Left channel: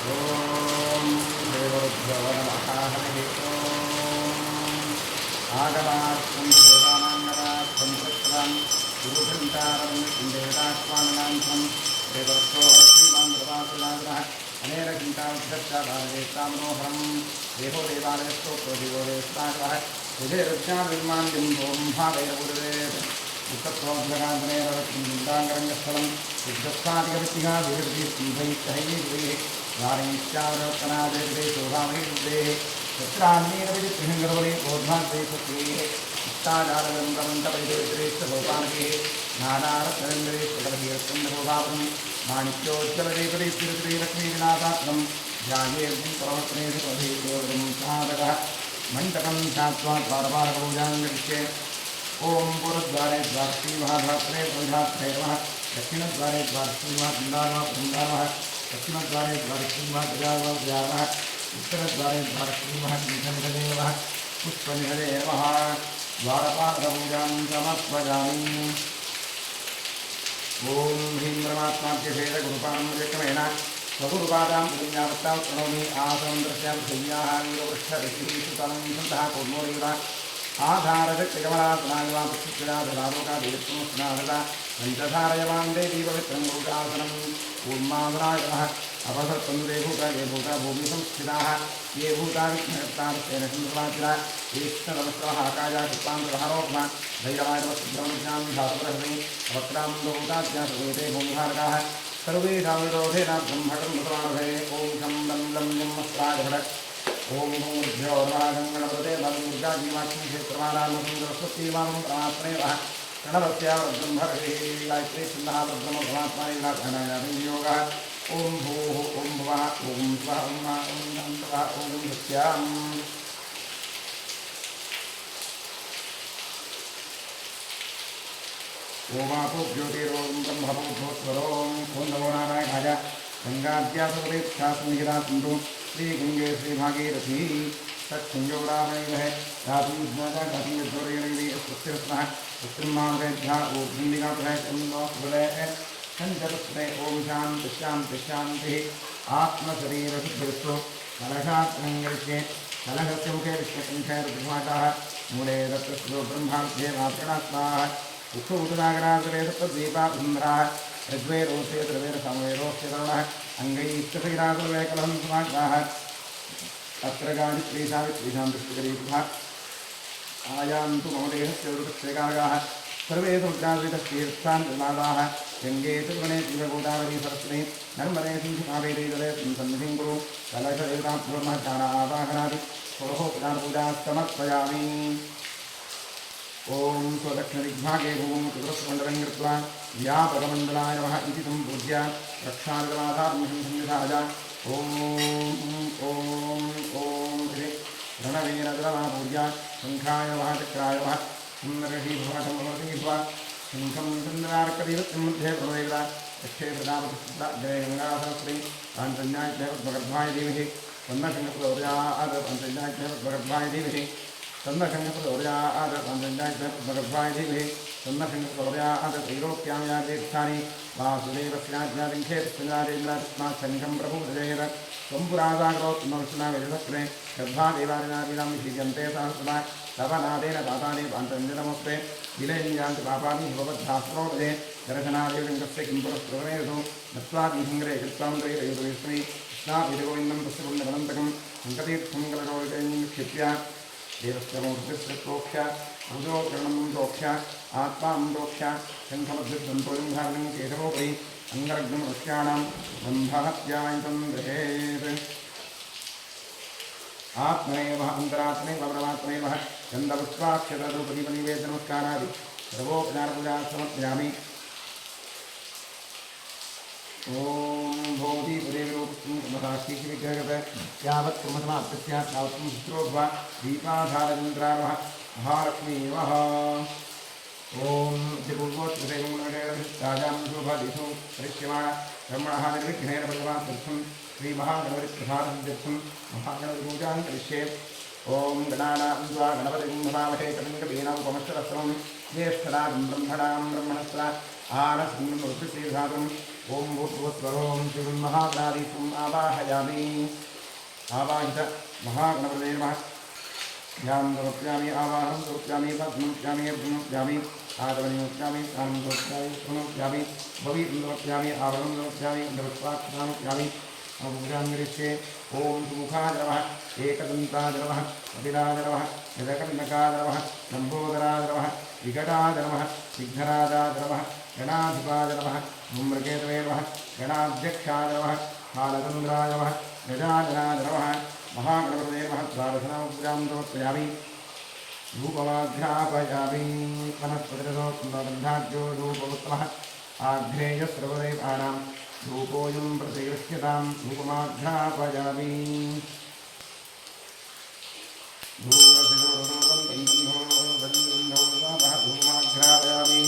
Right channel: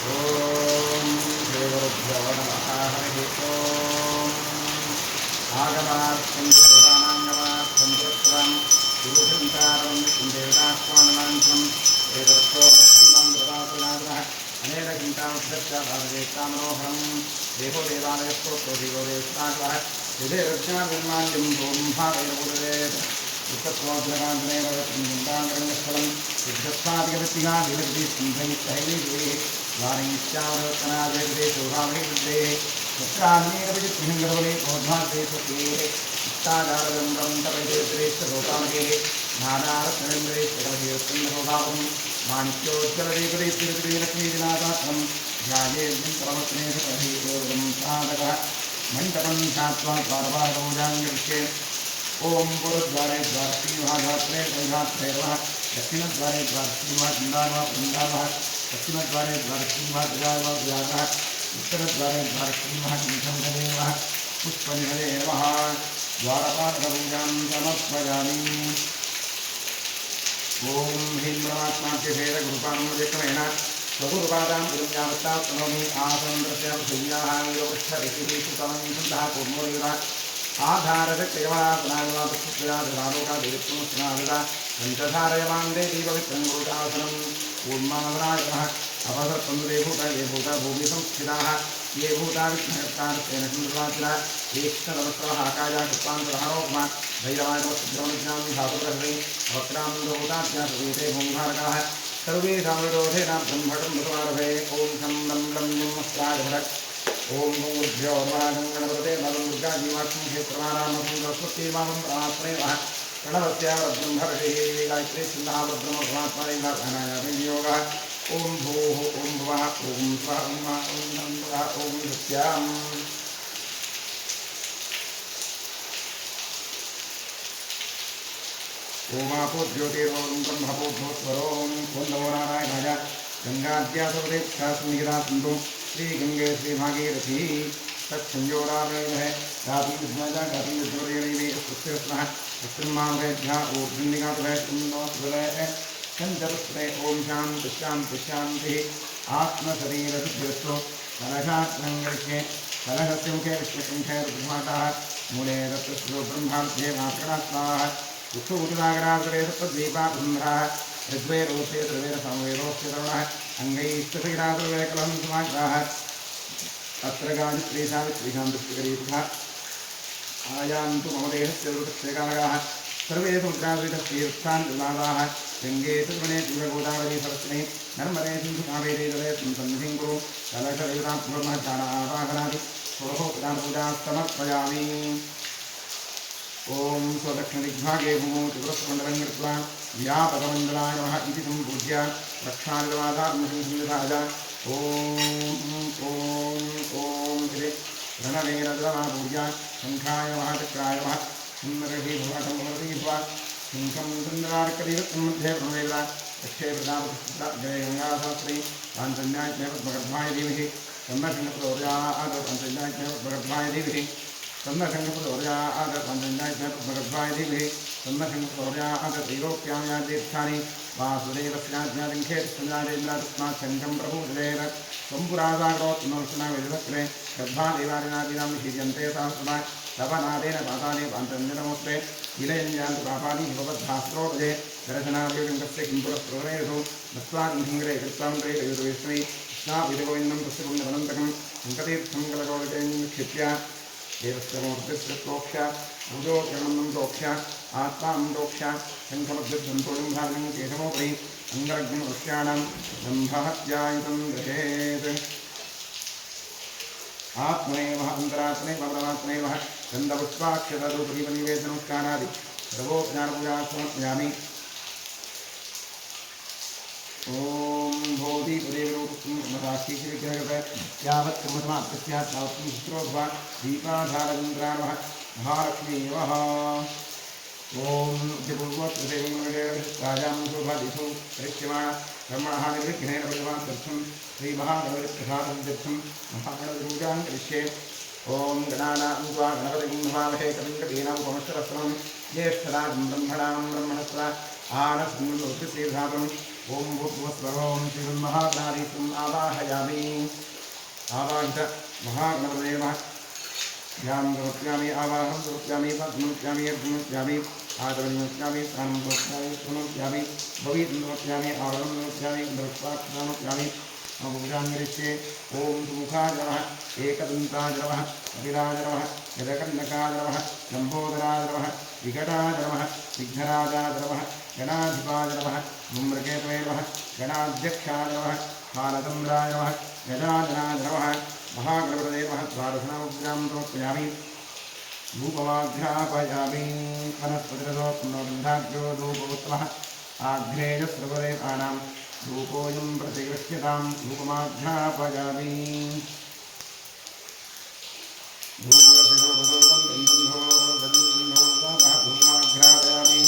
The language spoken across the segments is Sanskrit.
ओम देवरुद्भ्यो नमः हरिः ओम आगमार्थं देवानां पुरस्सरं गुरुघण्टारवं देवतात्माननान्तं देवरक्षो श्रीमान् देवासुराग्रः अनेन घण्टावृक्षस्य भावयेत्ता मनोहरं देहो देवालयस्तोत्रो देवो देवस्ताग्रः यदेरज्ञानिर्माल्यं ब्रह्मावेरपुरेत् उत्तत्वोद्भगान्तरेरवृत्तिङ्गाङ्गरङ्गस्थलं युद्धस्थादिकवृत्तिगा विवृत्ति सिंहैश्चैवीः वाणीश्चावरकनादेशे शोभामहिदेः तत्रान्येनविजित्तिहिङ्गरवले बोधाद्वेषकेः इष्टाचारविरम्भवन्तपैदेश्रेष्ठभोपानकेः नानारत्नविन्दरेष्ठकलहीरत्कन्दभोभावं माणिक्योज्ज्वलदेवदेश्वरदेवी लक्ष्मीविनाथात्मं ध्यायेऽर्जुं सर्वस्नेहपरहीयोगं साधकः मण्डपं ध्यात्वा द्वारपालकपूजाङ्गरिष्ये ओम पुरद्वारे द्वारश्रीमहाधात्रे गोधात्रे नमः दक्षिणद्वारे द्वारश्रीमहाबृन्दानमः बृन्दानमः पश्चिमद्वारे द्वारश्रीमहागजानमः गजानमः उत्तरद्वारे द्वारश्रीमहाकण्ठनिधये नमः पुष्पनिधये नमः द्वारपालकपूजां समर्पयामि। ओम ह्रीं परमात्माख्यभेदगुरुपारम्पर्यक्रमेण स्वगुरुपादां गुरुज्ञावत्तां प्रणौमि आसनं दृश्यां शय्याः वीरवृक्षऋषिरीषुतलं छन्दः कौर्मोरेव आधारशक्तिकमलासनागवादरालोकादेवस्नादिता पञ्चधारयमां देवी पवित्रं गुरुशासनम् ऊर्मासनागमः अपसर्पन्दे भूता ये भूता भूमि संस्थिताः ये भूता विघ्नहर्तारस्तेन चन्द्रवाचिना तीक्ष्णतमस्रः आकाया कृत्वान्तरहरोपमा धैर्यमानवसिद्धमनुज्ञां धातुरहृदि वक्रान्दोताज्ञा सर्वेते भूमिभारकाः सर्वेषां विरोधेन ब्रह्मकर्मसमारभे ॐ शं लं लं जन्मस्त्राय भटक् ओम भूर्भ्यो नमः गङ्गणपते नवदुर्गा जीवाक्षं क्षेत्रमानामसुन्दरस्वती वामं परमात्मने नमः प्रणवस्या ब्रह्मर्षिः गायत्री छन्दः ब्रह्मपरमात्मने नमः योगः ओम भूः ओम भुवः ओम स्वः ओम नन्दः ओम सत्याम् ओमापो ज्योतिरों ब्रह्मपोद्धोत्वरों ओं नमो नारायणाय गंगाद्यासवदेक्षास्मिहिता सिन्धु श्री गंगे श्री भागीरथी तत्संयोरावैवह धातुं विद्मजा धातुं विद्योरेणैवे स्वस्तिरस्नः स्वस्तिर्मामदेभ्यः ऊर्ध्वनिगातुः कुन्दो सुबलः चञ्चलस्ने ॐ शान्ति शान्ति शान्तिः आत्मशरीरशुद्धिरस्तु कलशात्रङ्गरिष्ये कलशस्य मुखे विश्वकण्ठे रुद्रभाटाः मूले रत्रस्यो ब्रह्मार्ध्ये मातृणास्ताः उत्सुतनागरासरे तद्वीपासुन्दराः ऋग्वेरोऽस्य त्रिवेदसमवेदोऽस्य तरुणः अङ्गैस्तसैरासुरवेकलहं समाग्राः अत्र गायत्रीशावित्रीशां दृष्टिकरीतुः आयान्तु मम देहस्य दुर्पक्षेकारकाः सर्वे समुद्राद्रिततीर्थान् विवादाः गङ्गे चतुर्वणे जीवगोदावरी सरस्वती नर्मदे सिन्धु कावेरी जलेऽस्मिन् सन्निधिं कुरु कलशदेवताभ्यो महत्ताडावाहनादि षोडशोपचारपूजाः समर्पयामि। ओम स्वदक्षिणदिग्भागे भूमौ चतुरस्रमण्डलं कृत्वा व्यापकमण्डलाय नमः इति सम्पूज्य रक्षानिर्वाधार्मसंसन्निधाय ॐ इति प्रणवेनदलमापूज्य शङ्खाय नमः चक्राय नमः सुन्दरही भवटमवरती भव शङ्खं चन्द्रार्कदेवतं मध्ये प्रणवेद यक्षे प्रदापतिग्रे गङ्गासहस्रे पाञ्चन्याज्ञे पद्मगर्भाय धीमहि तन्नशङ्खप्रचोदयात् पाञ्चन्याज्ञे पद्मगर्भाय धीमहि तन्नशङ्खप्रचोदयात् पाञ्चन्याज्ञे पद्मगर्भाय धीमहि तन्नशङ्खप्रचोदयात् त्रैलोक्यां या तीर्थानि वासुदेवस्याज्ञालिङ्घे तस्मिन्नादेन्द्रातस्मात् शङ्खं प्रपूजयेत् त्वं पुरासागरोत् नमस्नावेदक्रे गर्भादेवादिनादीनां निषीद्यन्ते सहस्रमा तव नादेन दाताने पाञ्चन्यनमोऽस्ते विलयञ्जान्ति पापानि हिमबद्धास्त्रोपदे दर्शनादेवलिङ्गस्य किं पुरस्त्रोणेषु नत्वा किंहिङ्ग्रे कृत्वां त्रैरयुतवेष्टि कृष्णाभिधगोविन्दं तस्य पुण्यवनन्तकं शङ्कतीर्थं कलशोदकैक्षिप्य देवस्य मूर्तिस्य प्रोक्ष्य भुजोकर्णं प्रोक्ष्य आत्मानं प्रोक्ष्य शङ्खमद्युत्सन्तोषं भाविनं केशवोपरि अङ्गरग्नं ऋष्याणां ब्रह्महत्यायुतं गृहेत् आत्मनेव अन्तरात्मनेव परमात्मनेव गन्धपुष्पाक्षतधूपदीपनिवेदनमस्कारादि सर्वोपचारपूजाः समर्पयामि। ओम भोधिपदेवरूपं कर्मसाक्षीविग्रहगत यावत् कर्मसमाप्तस्य तावत् शुश्रोभवा दीपाधारचन्द्रार्वः महालक्ष्मी नमः। ओम राजां शोभादिषु परिष्यमाण ब्रह्मणः निर्विघ्नेन परिवासर्थं श्रीमहागणपतिप्रसादसिद्ध्यर्थं महागणपतिपूजां करिष्ये। ओम गणानां त्वा गणपतिं भवामहे कविं कवीनामुपमश्रवस्तमं ज्येष्ठराजं ब्रह्मणां ब्रह्मणस्पदा आनस्मिन्नुत्तिश्रीधात्रं ओम भूर्भुवस्वरों श्रीमन्महागणाधीशम् आवाहयामि आवाहित महागणपतये नमः ध्यानं समर्पयामि आवाहनं समर्पयामि पद्ममुपयामि अर्घ्यमुपयामि आदवनिमुपयामि स्नानं समर्पयामि समर्पयामि भवीतं समर्पयामि आवरणं समर्पयामि गन्धपुष्पाक्षरामुपयामि पूजां करिष्ये ओम सुमुखाय नमः एकदन्ताय नमः कपिलाय नमः गजकर्णकाय नमः लम्बोदराय नमः विकटाय नमः विघ्नराजाय नमः गणाधिपाय नमः धूम्रकेतवे नमः गणाध्यक्षाय नमः हालचन्द्राय नमः गजाननाय नमः महागणपतये नमः द्वादशनामपूजां समर्पयामि धूपमाघ्रापयामि वनस्पतिरसोत्तमगन्धाढ्यो धूपमुत्तमः आघ्रेयस्रवदेवानां धूपोऽयं प्रतिगृह्यतां धूपमाघ्रापयामि धूपमाघ्रापयामि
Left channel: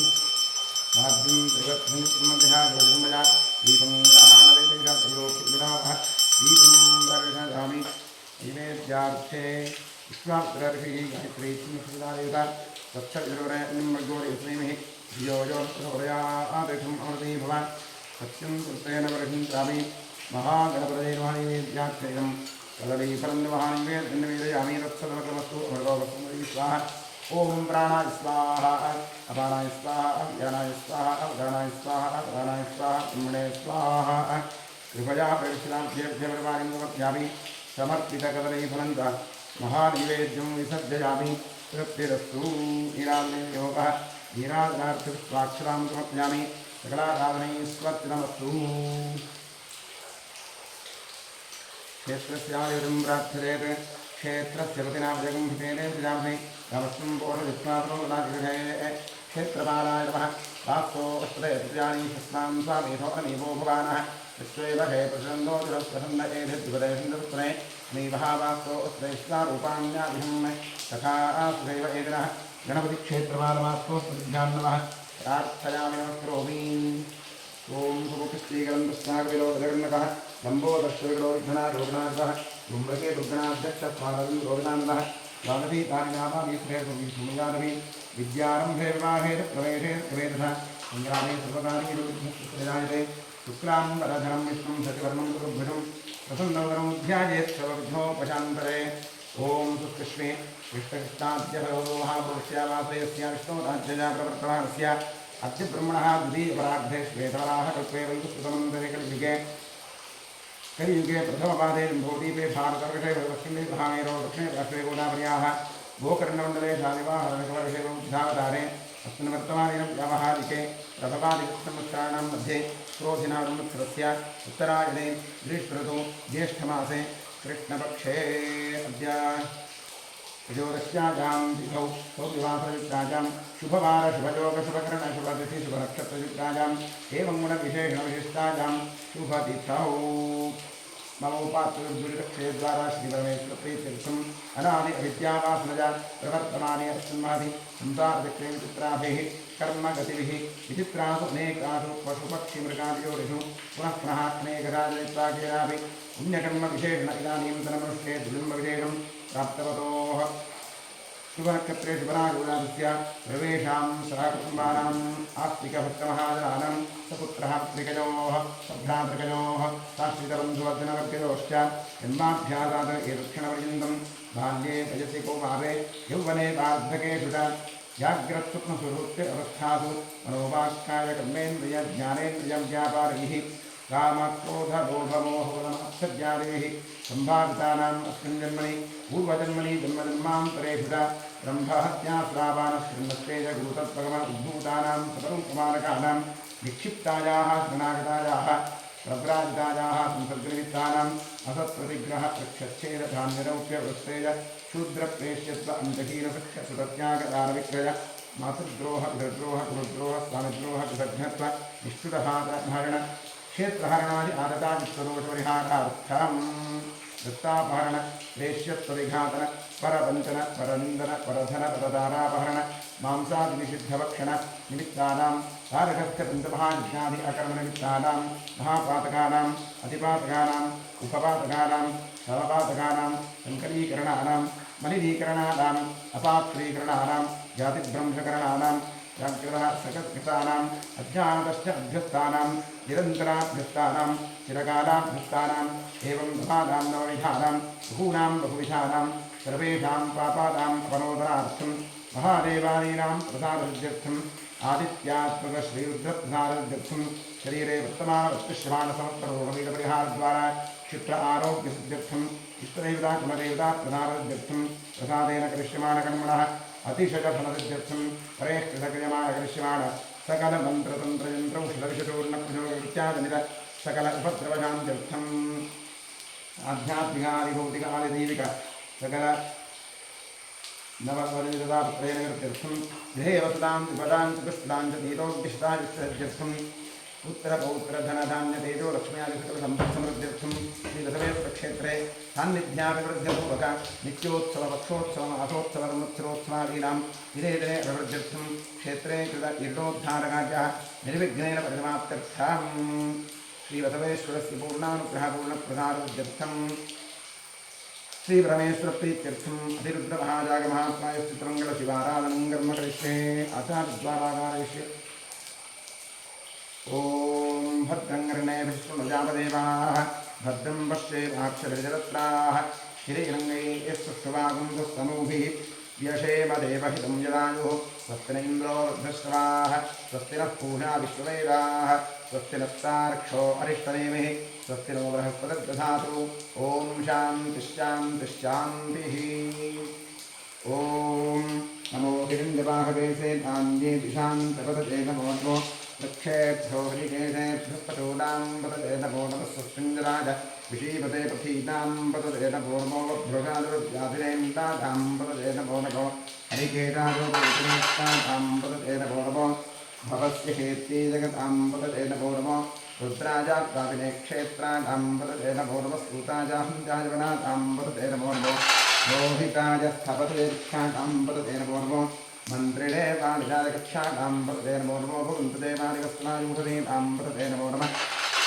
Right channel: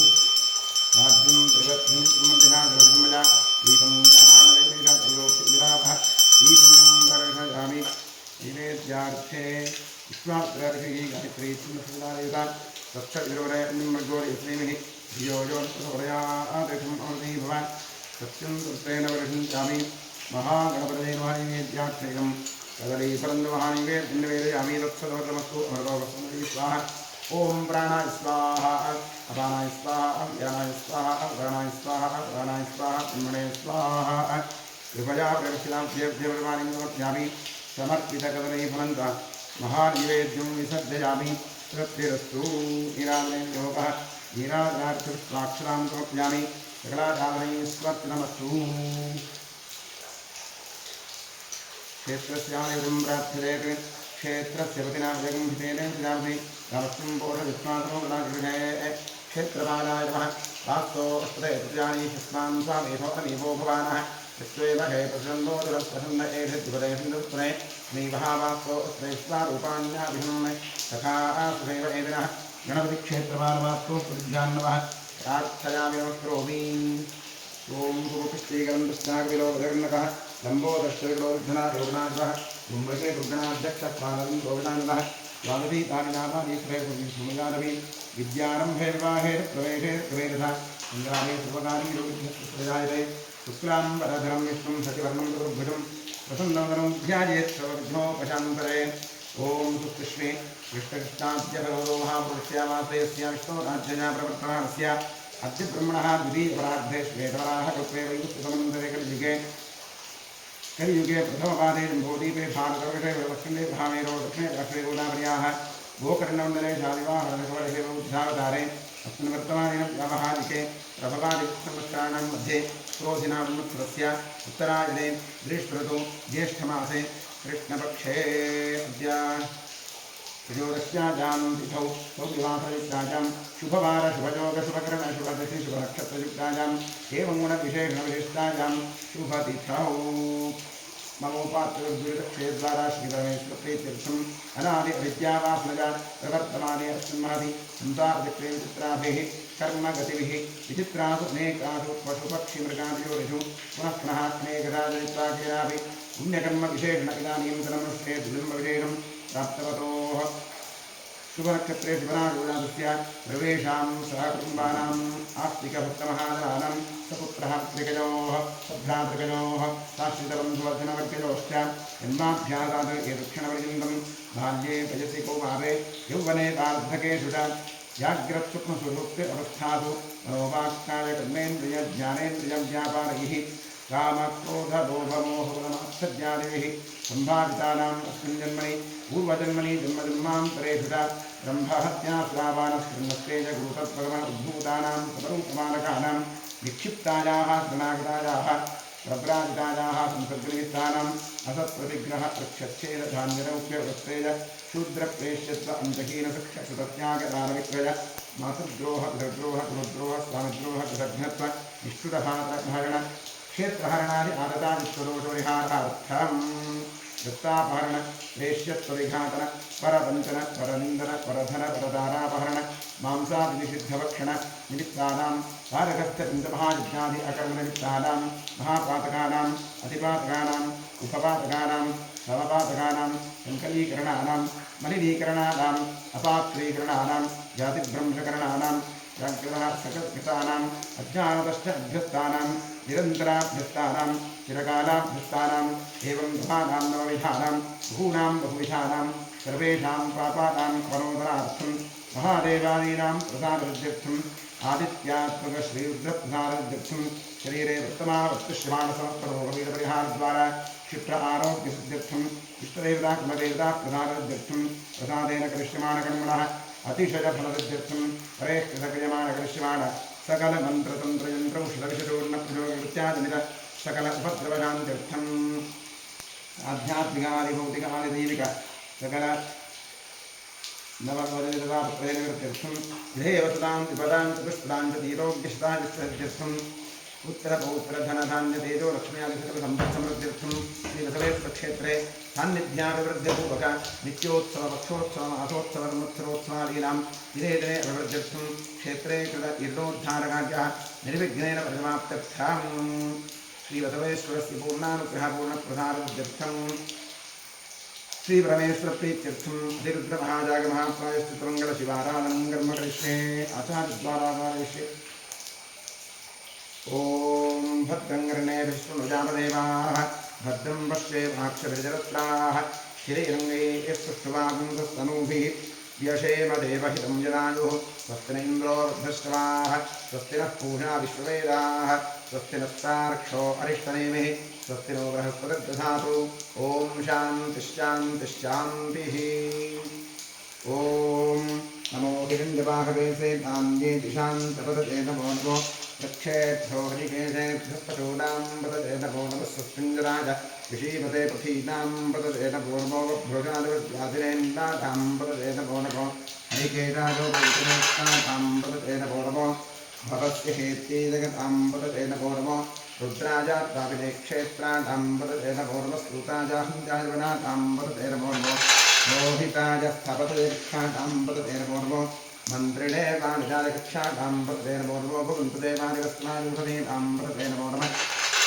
राज्यं त्रिवत्मध्यागरजन्मजा दीपं ग्रहाणदेशातयोपिरावः दीपं दर्शयामि नैवेद्यार्थे विश्वात्रर्षिः गायत्री चिन्नसुदादेवता तत्सविरोरयन्मर्गोरयस्मैमः धियो यो प्रचोदयादेशम् अमृते भवान् सत्यं कृतेन वर्षिञ्चामि महागणपतये नमः नैवेद्यार्थैनं कदलीफलं महानैवेद्यं निवेदयामि तत्सदवतमस्तु अमृतोपस्मृति स्वाहा ओम प्राणाय स्वाहा अपानाय स्वाहा ज्ञानाय स्वाहा अवधानाय स्वाहा प्राणाय स्वाहा ब्रह्मणे स्वाहा कृपया प्रदक्षिणां देवदेववाणीं समर्पयामि समर्पितकदलीफलं च महानैवेद्यं विसर्जयामि तृप्तिरस्तु नीराजने योगः नीराजनार्थपुष्पाक्षरां समर्पयामि सकलाराधनैस्वर्तिनमस्तु क्षेत्रस्यादिवृं प्रार्थ्यते क्षेत्रस्य पतिना जगम्भितेन प्रजापति रामस्वं पोषयित्वादनो गणागृहे क्षेत्रपालाय नमः वास्तो अष्टदे प्रजानि शस्मां स्वामेधो अमीवो भवानः यत्त्वेव हे प्रसन्नो जुरप्रसन्न एधिद्विपदेशन्दपुत्रे मीवः वास्तो अष्टदेश्वारूपाण्याभिहं तथा सुधैव एदिनः गणपतिक्षेत्रपालमास्तोऽस्मदिभ्यान्नमः प्रार्थयामि नमस्करोमि ओम सुमुखश्रीकरं कृष्णाकविलोकजगन्नकः लम्बोदर्शविलोकधना रोगनाथः धूम्रके दुर्गणाध्यक्षपालनं रोगनानन्दः द्वादशीतानि नामानि श्रेयसुमिगानवी विद्यारम्भे विवाहे प्रवेशे प्रवेदः सङ्ग्रामे सर्वकार्ये रुग्णप्रजायते शुक्लाम्बरधरं विष्णुं शशिवर्णं चतुर्भुजं प्रसन्नवदनं ध्यायेत् सर्वविघ्नोपशान्तये ओम सुकृष्णे कृष्णकृष्णाद्यभगवतो महापुरुष्यामाश्रयस्य विष्णोराज्यजा प्रवर्तमानस्य अद्य ब्रह्मणः द्वितीयपरार्धे श्वेतवराह कल्पे वैवस्वतमन्तरे कलियुगे प्रथमपादे जम्बूद्वीपे भारतवर्षे दक्षिणे भामेरो दक्षिणे पार्श्वे गोदावर्याः गोकर्णमण्डले शालिवाहरकवर्षे उद्धावतारे अस्मिन् वर्तमाने व्यावहारिके प्रभवादिसंवत्सराणां मध्ये क्रोधिनावत्सरस्य उत्तरायणे ग्रीष्मऋतौ ज्येष्ठमासे कृष्णपक्षे अद्य त्रयोदश्यां तिथौ सौविवासयुक्तायां शुभवार शुभयोग शुभकर्ण शुभतिथि शुभनक्षत्रयुक्तायां एवं गुणविशेषणविशिष्टायां शुभतिथौ ममोपात्रदुरितक्षेद्वारा श्रीपरमेश्वरप्रीत्यर्थम् अनादि अविद्यावासनजा प्रवर्तमाने अस्मिन् महति संसारचक्रे विचित्राभिः कर्मगतिभिः विचित्रासु अनेकासु पशुपक्षिमृगादियोनिषु पुनः पुनः अनेकधा जनित्वा केनापि पुण्यकर्मविशेषण इदानीन्तनमनुष्ये द्विजन्मविशेषं प्राप्तवतोः शुभनक्षत्रे शुभराजोजातस्य सर्वेषां सहकुटुम्बानाम् आस्तिकभक्तमहाजनानां सपुत्रः पुत्रिकयोः सभ्रातृकयोः साश्रितबन्धुवर्धनवर्गयोश्च जन्माभ्यासात् एतत्क्षणपर्यन्तं बाल्ये वयसि कौमारे यौवने वार्धकेषु च जाग्रत्स्वप्नसुहृत् अवस्थासु मनोवाक्कायकर्मेन्द्रियज्ञानेन्द्रियव्यापारैः कामक्रोधलोभमोहबलमात्सर्यादिभिः सम्भावितानाम् अस्मिन् जन्मनि पूर्वजन्मनि जन्मजन्मान्तरेषु च ब्रह्महत्याश्रावानस्कृन्नस्तेज गुरुतत्त्वगमन उद्भूतानां सपरूपमानकानां निक्षिप्तायाः शरणागतायाः प्रव्राजितायाः संसर्गनिमित्तानाम् असत्प्रतिग्रह प्रक्षच्छेदधान्यरौप्यवृत्तेज शूद्रप्रेष्यत्व अन्तहीनसख्यसुतत्यागदानविक्रय मातृद्रोह पितृद्रोह कुलद्रोह स्वामिद्रोह कृतघ्नत्व निष्ठुरहारण क्षेत्रहरणादि आदतादित्वदोषपरिहारार्थं दत्तापहरण प्रेष्यत्वविघातन परवञ्चन परनिन्दन परधन परदारापहरण मांसादिनिषिद्धभक्षण निमित्तानां तारकस्थपञ्चमहायज्ञादि अकर्मनिमित्तानां महापातकानाम् अतिपातकानाम् उपपातकानां समपातकानां सङ्कलीकरणानां मलिनीकरणानाम् अपात्रीकरणानां जातिभ्रंशकरणानां जाग्रतः सकलकृतानाम् अज्ञानतश्च अभ्यस्तानां निरन्तराभ्यस्तानां चिरकालाभ्यस्तानाम् एवं नवानां नवविधानां बहूनां बहुविधानां सर्वेषां पापानाम् अपनोदनार्थं महादेवादीनां प्रसादसिद्ध्यर्थम् आदित्यात्मकश्रीरुद्रप्रसादसिद्ध्यर्थं शरीरे वर्तमानवत्तिष्यमाणसमस्तरोगपीडपरिहारद्वारा क्षिप्र आरोग्यसिद्ध्यर्थम् इष्टदेवता कुलदेवता प्रसादसिद्ध्यर्थं प्रसादेन करिष्यमाणकर्मणः अतिशयफलसिद्ध्यर्थं परेः कृतक्रियमाणकरिष्यमाण सकलमन्त्रतन्त्रयन्त्रौषधविषचूर्णप्रयोगकृत्यादिनिर सकल उपद्रवशान्त्यर्थम् आध्यात्मिकादिभौतिकादिदैविक सकल नवपदितदापत्रयनकृत्यर्थं गृहे वसतां विपदां च पुष्पदां च तीरोग्यशतायुष्यर्थम् उत्तरपौत्रधनधान्यतेजो लक्ष्म्यादिसकलसम्पत्समृद्ध्यर्थं श्रीबसवेश्वरक्षेत्रे सान्निध्याभिवृद्ध्यपूर्वक नित्योत्सवपक्षोत्सव मासोत्सवरमुत्सरोत्सवादीनां दिने दिने अभिवृद्ध्यर्थं क्षेत्रे कृत इर्डोद्धारकार्यः निर्विघ्नेन परिसमाप्त्यर्थम् श्रीबसवेश्वरस्य पूर्णानुग्रहपूर्णप्रसादसिद्ध्यर्थं श्रीपरमेश्वरप्रीत्यर्थम् अतिरुद्रमहाजागमहाप्रायश्चित्रमङ्गलशिवाराधनं कर्म करिष्ये आचार्यद्वारा कारयिष्ये ॐ भद्रं कर्णेभिः शृणुयामदेवाः भद्रं पश्येमाक्षभिर्जरत्राः स्थिरैरङ्गैः स्पृष्टुवागुंसस्तनूभिः व्यशेम देवहितं यदायुः स्वस्ति न इन्द्रो वृद्धश्रवाः स्वस्ति नः पूषा विश्ववेदाः स्वस्ति नस्तार्क्ष्यो अरिष्टनेमिः स्वस्ति नो बृहस्पतिर्दधातु ॐ शान्तिश्शान्तिश्शान्तिः ॐ नमो हिरण्यवाहवे नान्ये दिशान्तपदते नमो नमो वृक्षेभ्यो हरिकेशेभ्यः पशूनां पतते नमो नमः स्वस्मिञ्जराज विषीपते पथीनां पतते नमो नमो वभ्योजादिव्याधिरेन्द्रां पतते नमो नमो हरिकेशाजोपविष्टां पतते नमो नमो भवस्य हेत्ये जगतां पतते नमो नमो रुद्राजात्तापिने क्षेत्राणां पतते नमो नमः सूताजाहञ्जाजवनानां पतते नमो नमो मोहिताय स्थपतिर्क्षाणां पतते नमो नमो मन्त्रिणे वाणिजालकक्षाणां पतते नमो नमो भवन्तदेवादिवस्त्रायुषधीनां पतते नमो नमः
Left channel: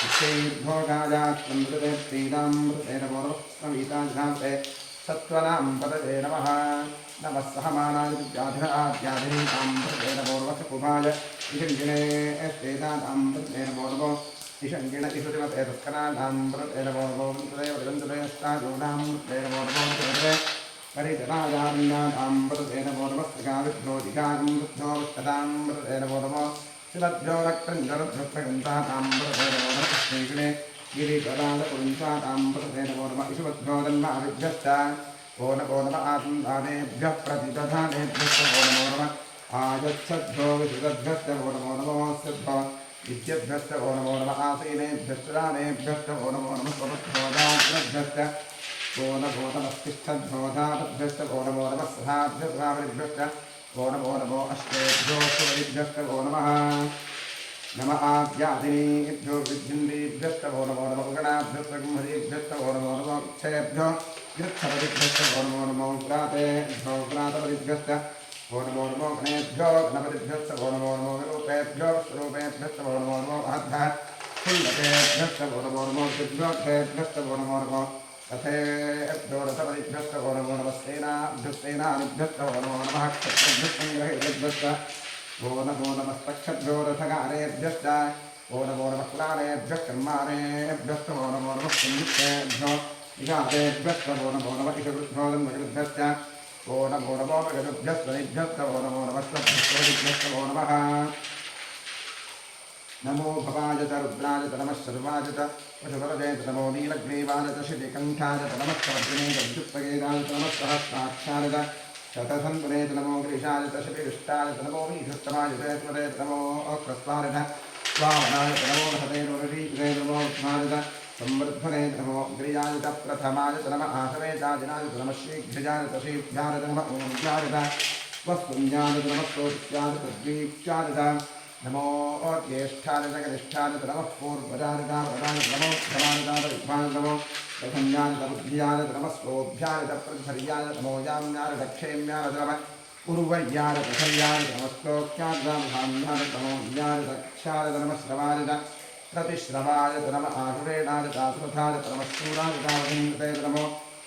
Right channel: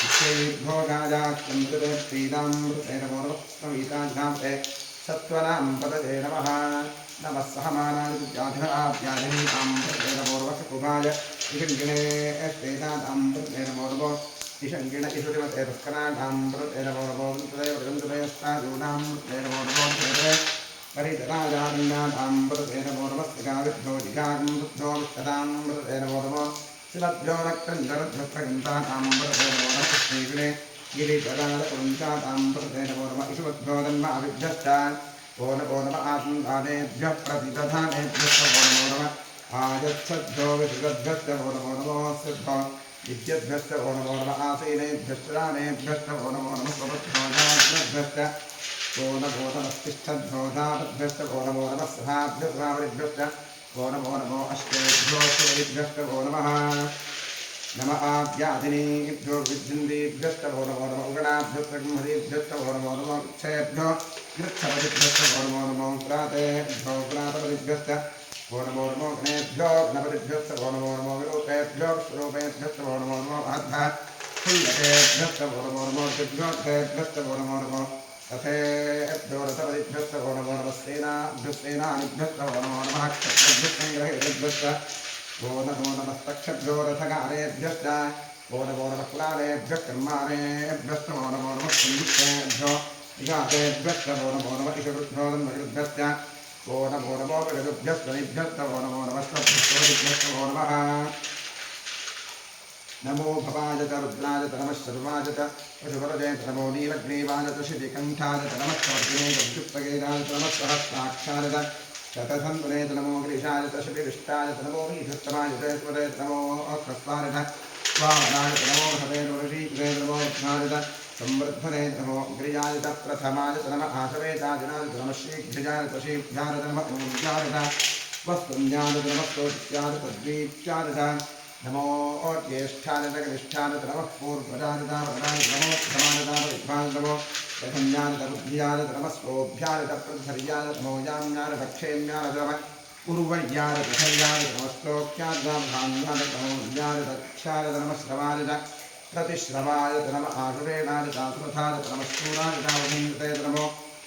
विक्षैर्भोगाजाष्टं पतते प्रीणां पतते नमो नमः स्मवीताजिनां सत्त्वनां पतते नमः नमः सहमानाय व्याधिनीतां पतते नमो नमः कुभाय इषङ्गिणे श्वेतानां पतते नमो नमो इषङ्गिण इषुतिमते दुष्कराणां पतते नमो नमो वन्तदेवस्तूनां पतते नमो नमो परितराजारण्यानां पतते नमो नमः स्त्रिकाविभ्यो दिशागं वृद्धो विष्टतां पतते नमो नमः शिवभ्यो रक्तञ्जरभ्यप्रगन्तानां पतते नमो नमः श्रीगणे गिरिधराजपुरुषाणां पतते नमो नमः इषुभ्यो जन्माभिभ्यश्च वो नमो नमः आत्मदानेभ्यः प्रतिदधानेभ्यश्च वो नमो नमः आयच्छद्भ्यो विशुद्धभ्यश्च वो नमो नमः सिद्धो विद्यभ्यश्च वो नमो नमः आसीनेभ्यश्च दानेभ्यश्च वो नमो नमः स्वभ्यो जाग्रभ्यश्च वो नमो नमस्तिष्ठद्भ्योधातभ्यश्च वो नमो नमः सहाभ्यस्वावरिभ्यश्च वो नमो अष्टेभ्यो सुवरिभ्यश्च वो नमः नमः आद्यादिनीभ्यो विद्युन्दीभ्यश्च वो नमो नमः उगणाभ्यश्च ब्रह्मदीभ्यश्च वो नमो नमः क्षयभ्यो गृच्छपतिभ्यश्च वो नमो प्रातेभ्यो प्रातपतिभ्यश्च वो नमो गणेभ्यो गणपतिभ्यश्च वो नमो विरूपेभ्यो स्वरूपेभ्यश्च वो नमो महद्भः फुल्लकेभ्यश्च वो नमो दिभ्योभ्यश्च वो नमो रथेभ्यो रथपतिभ्यश्च वो नमो सेनाभ्यश्च वो नमो नमः क्षत्रभ्यश्च वो नमो नमस्तक्षभ्यो रथगारेभ्यश्च वो नमो नमः कुलालेभ्यः कर्माणेभ्यश्च वो नमो नमः संयुक्तेभ्यो विषादेभ्यश्च वो नमो नमः इषुभ्यो जन्मजृभ्यश्च वो नमो मृगभ्यश्च निभ्यश्च वो नमो नमः स्वभ्यश्च वो नमः नमो भवाय च रुद्राय च नमः शर्वाय च पशुपतये च नमो नीलग्रीवाय च शितिकण्ठाय च नमः कवर्तिने च विद्युत्पगेदाय च नमः सहस्राक्षाय च शतधन्वने च नमो गिरिशाय च शिपिविष्टाय च नमो वीषुत्तमाय च स्मरे च नमो ह्रस्वाय च स्वामनाय च नमो हते ऋषीकृते च नमो विष्णाय च संवर्धने च नमो गिरियाय च प्रथमाय च नमः आशवेचाजिनाय च नमः शीघ्रजाय च शीघ्राय च नमः ऊर्जाय च वस्तुन्याय च नमः स्तोत्याय च द्वीप्याय च नमो ज्येष्ठाय च कनिष्ठाय च नमः पूर्वजाय च वरदाय च नमो धमाय च परिध्वाय च नमो प्रथम्याय च बुद्ध्याय च नमः स्तोभ्याय च प्रध्वर्याय च नमो याम्याय च क्षेम्याय च नमः उर्वर्याय च प्रथर्याय च नमः स्तोक्याय च धाम्याय च नमो ज्ञाय च क्षाय च नमः श्रवाय च प्रतिश्रवाय च नमः आशुरेणाय च आसुरथाय च नमः शूराय च वधीन्द्रते च नमो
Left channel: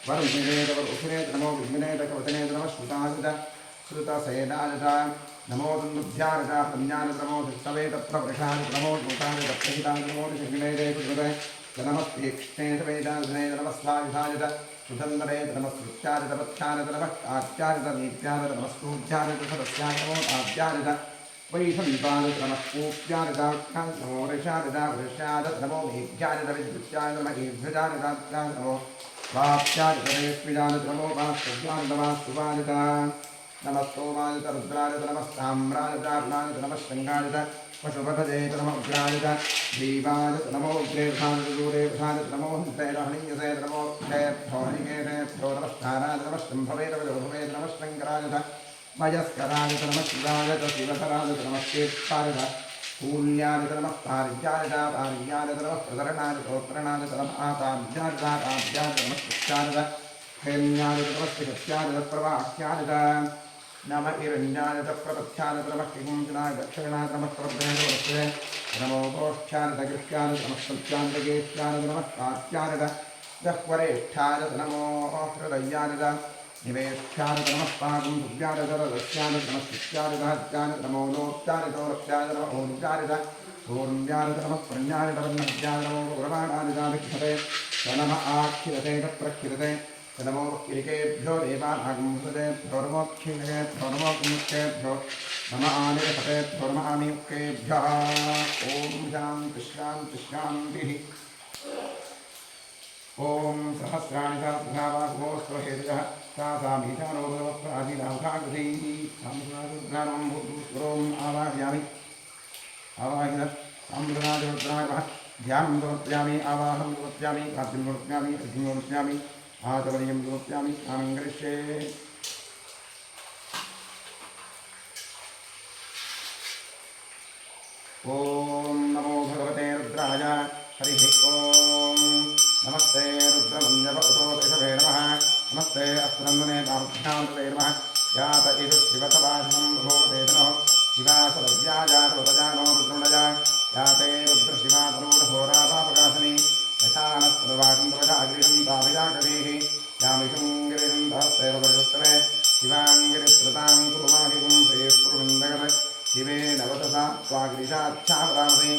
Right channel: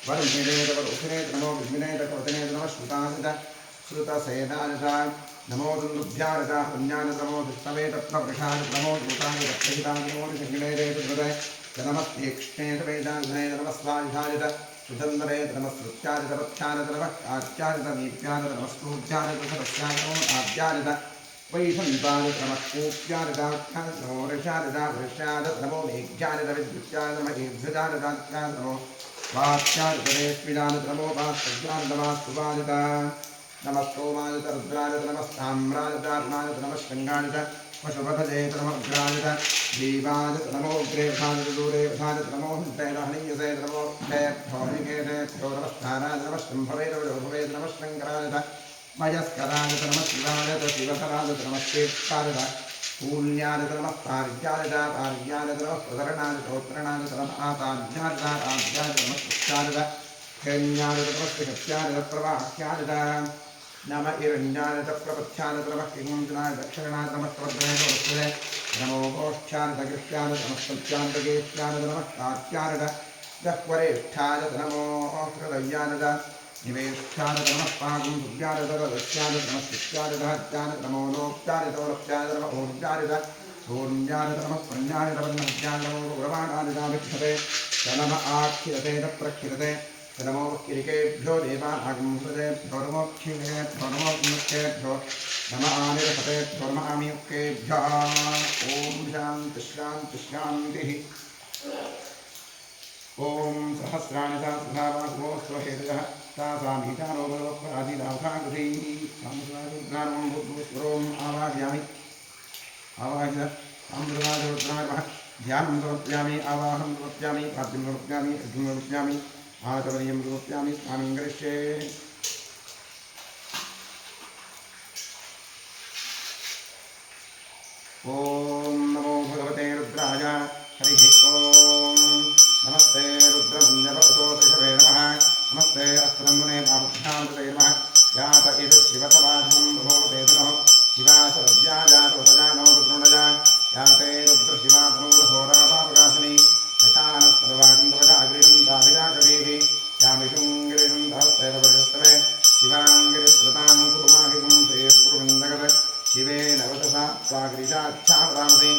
वरुषिणे च वरुषिणे च नमो विष्मिने च कवचने च नमः श्रुताय च श्रुतसेनाय च नमो दुन्दुभ्यारजा संज्ञानतमो दुष्टवेदप्रवृषानतमो दूतानतप्रहितानमो निषङ्गिणेरेतुद्वदे नमस्तीक्ष्णेतवेदान्धने नमस्वायुधायत सुधन्दरेत नमस्कृत्यादितपथ्यानत नमः आच्यादितनीत्यानत नमस्तूध्यानत सदस्यानमो आद्यादित वैशन्तानत नमः कूप्यादिताख्यानत नमो ऋषादित वृष्यादत नमो मेघ्यादित विद्युत्यानत नमः ईर्भ्यजादिताख्यानत नमो वाप्यादित रेष्मिदानत नमो वास्तव्यानत नमः सुवादित नमस्तोमादित रुद्रादित नमस्ताम्रादित अर्णादित नमः शृङ्गादित पशुपथजेत नमः उग्रादित दीवादित नमो उग्रेभादित दूरेभादित नमो हन्तैरहणीयसेत नमो जयभ्यो हरिकेशेभ्यो नमस्तारादित नमः शम्भवेत विलोभवेत नमः शङ्करादित मयस्करादित नमः शिवादित शिवधरादित नमः चेत्तादित शून्यादित नमः पार्यादित पार्यादित नमः प्रधरणादित उत्तरणादित नमः आताभ्यादित आभ्यादित नमः कृत्यादित हेन्यादित नमस्ते प्रवाह्यादित नम इरण्यादित प्रपथ्यादित नमः किंजनाय दक्षिणादित नमः प्रभ्रेणोस्ते नमो गोष्ठ्यादित गृह्यादित नमः सत्यादित नमः कात्यादित दह्वरेष्ठादित नमो हृदयादित निवेष्ठादित नमः पागुं भुव्यादित रदस्यादित नमः शिष्यादित हत्यादित नमो लोप्यादित रप्यादित नमः ऊर्जादित ऊर्जादित नमः प्रज्ञादित वन्नभ्यादित नमो गुरवाणादिताभिक्षते नम आख्यते प्रख्यते नमो किरिकेभ्यो देवानागुंसतेभ्यो नमोक्षिणेभ्यो नमोन्मुक्तेभ्यो नम आनिरसतेभ्यो नम आमियुक्तेभ्यः ॐ शान्तिः ॐ सहस्राणि सहस्रभावागुमोऽस्त्वहेतजः तासामीठानो भगवत्प्राचीनामुखाकृतिः संस्कृतारुद्राणं भूतभूस्वरोम् आवाहयामि आवाहित अमृताजरुद्राणः ध्यानं समर्पयामि आवाहनं समर्पयामि पाद्यं समर्पयामि अर्घ्यं समर्पयामि आचमनीयं समर्पयामि स्नानं करिष्ये ॐ नमो भगवते रुद्राय हरिः ॐ नमस्ते रुद्रमञ्जपतोषभे नमः नमस्ते अस्त्रन्दने पार्थ्यामृते नमः यात इषु शिवतवाशं भगवते धनुः शिवाशरव्याजातोतजानो रुद्रुणजा याते रुद्रशिवातनूरघोरापापकाशिनी यथानस्तवाचन्द्रवशागृहं ताभिजाकरीः यामिषुङ्गिरिषं दहस्तेव परिषस्तवे शिवाङ्गिरित्रतां कुरुमाहिगुं श्रेयस्पुरुषं जगत् शिवे नवतसा स्वागिरिशाच्छापदामसि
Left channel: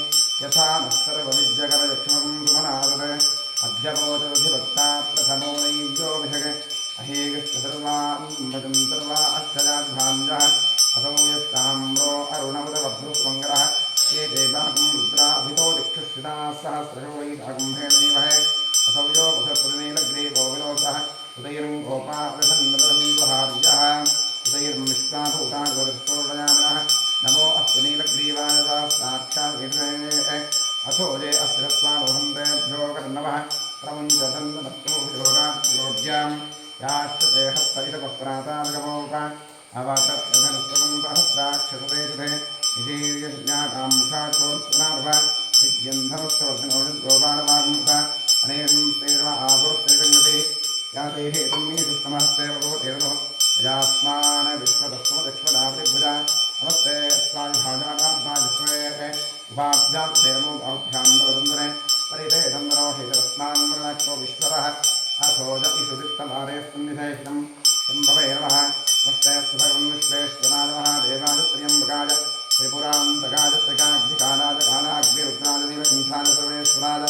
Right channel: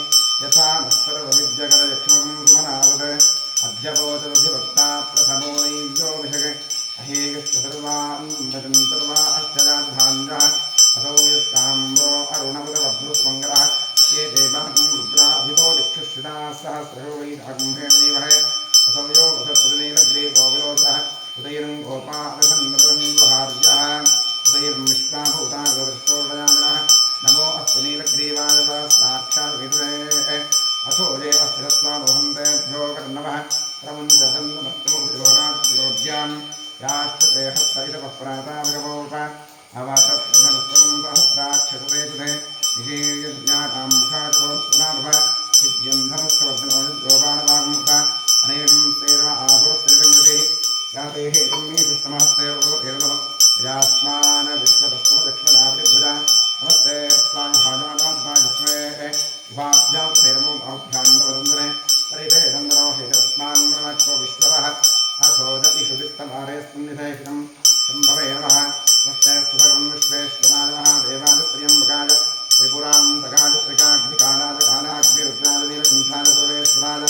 यथा नः सर्वविद्यकरयक्ष्मकं सुमनादत् अध्यपोचदधिभक्ता प्रथमो नैव्योऽभिषक् अहेगश्च सर्वान् भजन्तर्वा अष्टजाद्भाञ्जः असौ यस्ताम्रो अरुणमुदबभ्रुस्मङ्गलः ये देवागुं रुद्राभितो दिक्षुश्रिताः सहस्रशो वै रागुम्भेण देवहे असौ यो वसत्पतिनीलग्रीवो विलोचः उदयनं गोपादधन्वहार्यः उदयं विश्वाभूतान् नमो अस्तुनीलग्रीवाय साक्षाद्विदुरे अथो ये अस्थिरत्वानोहन्तेभ्यो कर्णवः प्रमुञ्चन्दनत्वोराज्योज्यां याष्टते हस्तैषवः प्राताभगवोप अवतत्धनुस्वगं सहस्राक्षते निशीर्यज्ञातां मुखाचोत्सुनाभव विद्यन्धनुस्वधनोजोबाणवागुमुख अनेकं सेर्व आभुरस्त्रिसङ्गतिः याते हेतुं मे सुष्टमहस्तेवो एततो यास्मान विश्वतस्त्वदक्ष्मदावृभुजा नमस्ते अस्माभिभाजानात्माजस्मे उभाभ्यां तेरमो बाहुभ्यान्दवदन्दने परिते चन्द्रो हेतवस्मान् मृणाक्षो विश्वरः अथोज इषुदित्तमारेऽस्मिन्निधेषितं शम्भवे नमः नमस्ते सुभगवन् विश्वेश्वराय नमः देवाय त्र्यम्बकाय त्रिपुरान्तकाय त्रिकाग्निकालाय कालाग्निरुद्राय नीलकण्ठाय सर्वेश्वराय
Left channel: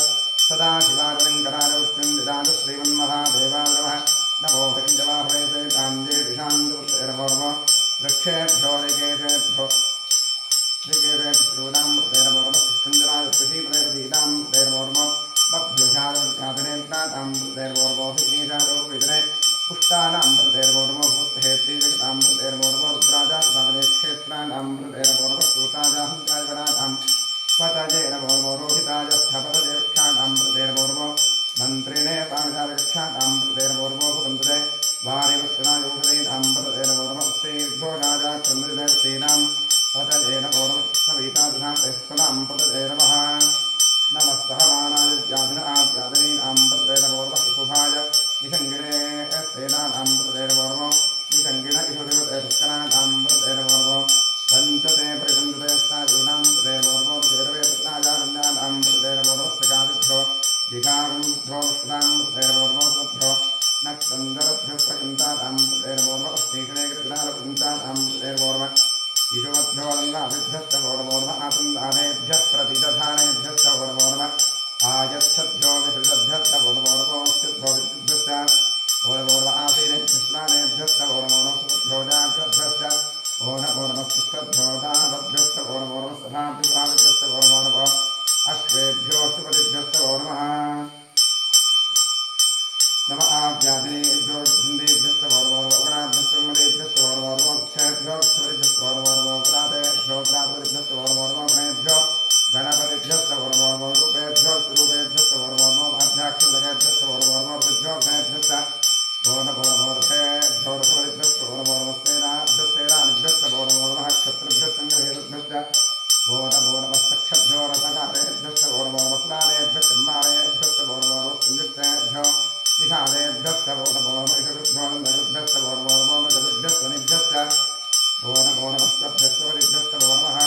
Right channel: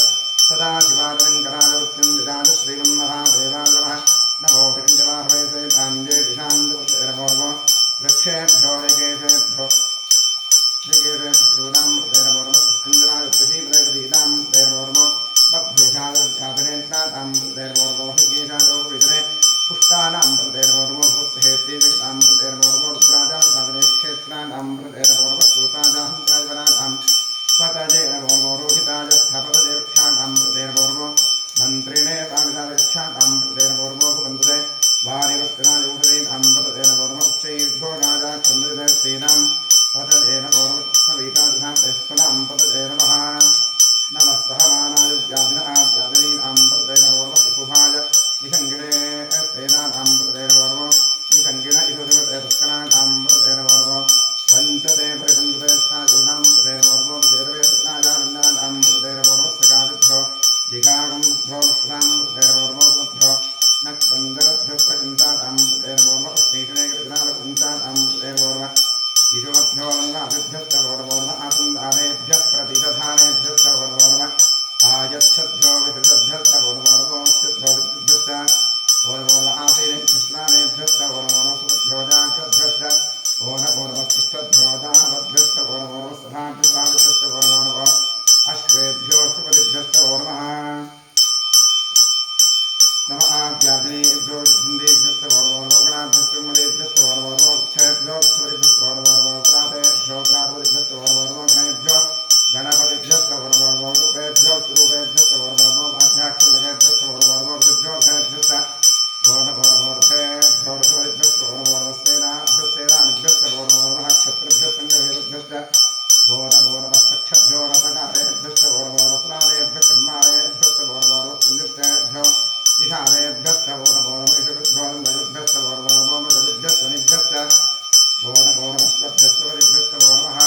सदाशिवाय शङ्कराय उत्सञ्जिताय श्रीमन्महादेवाय नमः नमो हिरण्यवाहवे सेताञ्जे दिशान्तपुत्रेरभोर्व वृक्षेभ्यो निकेशेभ्यो श्रीकेशेभ्योदामृतेरभोर्वस्कुञ्जराय कृषीप्रदेवतीदामृतेरभोर्व बभ्युषादवध्यातनेत्रातामृतेरभोर्वो हृकेशादोर्विजने पुष्टानामृतेरभोर्वो भूत्हेत्रीजगतामृतेरभोर्वो रुद्राजातने क्षेत्रानामृतेरभोर्वस्तूताजाहंजायवनातां स्वतजेरभोर्वो रोहिताजस्थपतजेक्षाणामृतेरभोर्वो मन्त्रिणे पाणिशालकक्षाणामृतेरभोर्वो भुवन्तुते वारिवस्त्रायोषधीनामृतेरभोर्वो उच्चैर्भो राजा चन्द्रदेवतीनां पतजेरभोर्वस्ववीताजुधां तेस्तनां पतजेरवः नमः सहमानाय व्याधिनाव्याधिनीनां प्रतेरभोर्वशुकुभाय निषङ्गिणे स्तेनानां प्रतेरभोर्वो निषङ्गिण इषुधिपतेपुष्कराणां प्रतेरभोर्वो पञ्चते परिपञ्चते स्थायूनां प्रतेरभोर्वो विशेरवे तृणाजारण्यानां प्रतेरभोर्वस्त्रकादिभ्यो दिघागुंभ्यो वस्त्रां प्रतेरभोर्वो सुमभ्यो नक्तञ्जलभ्यो प्रकन्तानां प्रतेरभोर्व अस्मीषणे कृतनालकुञ्चानां प्रतेरभोर्व ईशुमभ्यो नन्दादिभ्यस्तवो नमो नमः आसन्दानेभ्यः प्रतिदधानेभ्यस्तवो नमो नमः आयच्छद्भ्यो विसृजद्भ्यस्तवो नमो नमोऽस्युद्भ्यो विद्युभ्यश्च ओ नमो नमः आसीनेभ्यस्नानेभ्यस्तवो नमो नमः सुभ्यो जाग्रद्भ्यश्च ओ नमो नमः तिष्ठद्भ्यो दानवद्भ्यस्तवो नमो नमः सभाभ्यस्वादिभ्यस्तवो नमो नमः अश्वेभ्योऽष्टपतिभ्यस्तवो नमः नम आव्याधिनेभ्यो हिन्देभ्यस्तवो नमो नमः उगणाभ्यस्तमदेभ्यस्तवो नमो नमः क्षयभ्योऽक्षपतिभ्यस्तवो नमो नमः क्रातेभ्यो क्रातपतिभ्यस्तवो नमो नमः गणेभ्यो गणपतिभ्यस्तवो नमो नमः रूपेभ्यो स्वरूपेभ्यस्तवो नमो नमः आध्याक्षलकेभ्यस्तवो नमो नमः ऋषिभ्यो गणेभ्यश्च ओ नमो नमो रथेभ्यो रथपतिभ्यस्तवो नमो नमः सेनाभ्यस्तवो नमो नमः क्षत्रिभ्यस्सङ्गहेतुभ्यश्च ओ नमो नमः सक्षभ्यो रथकारेभ्यस्तवो नमो नमः स्नानेभ्यः कर्मारेभ्यस्तवो नमो नमः संयुक्तेभ्यो निषादेभ्यस्तवो नमो नमः ईशकृभ्यो नन्दकृभ्यस्तवो नमो नमः मृगभ्यस्त्वनिभ्यश्च ओ नमो नमः स्वभ्यस्तवनिभ्यस्तवो नमः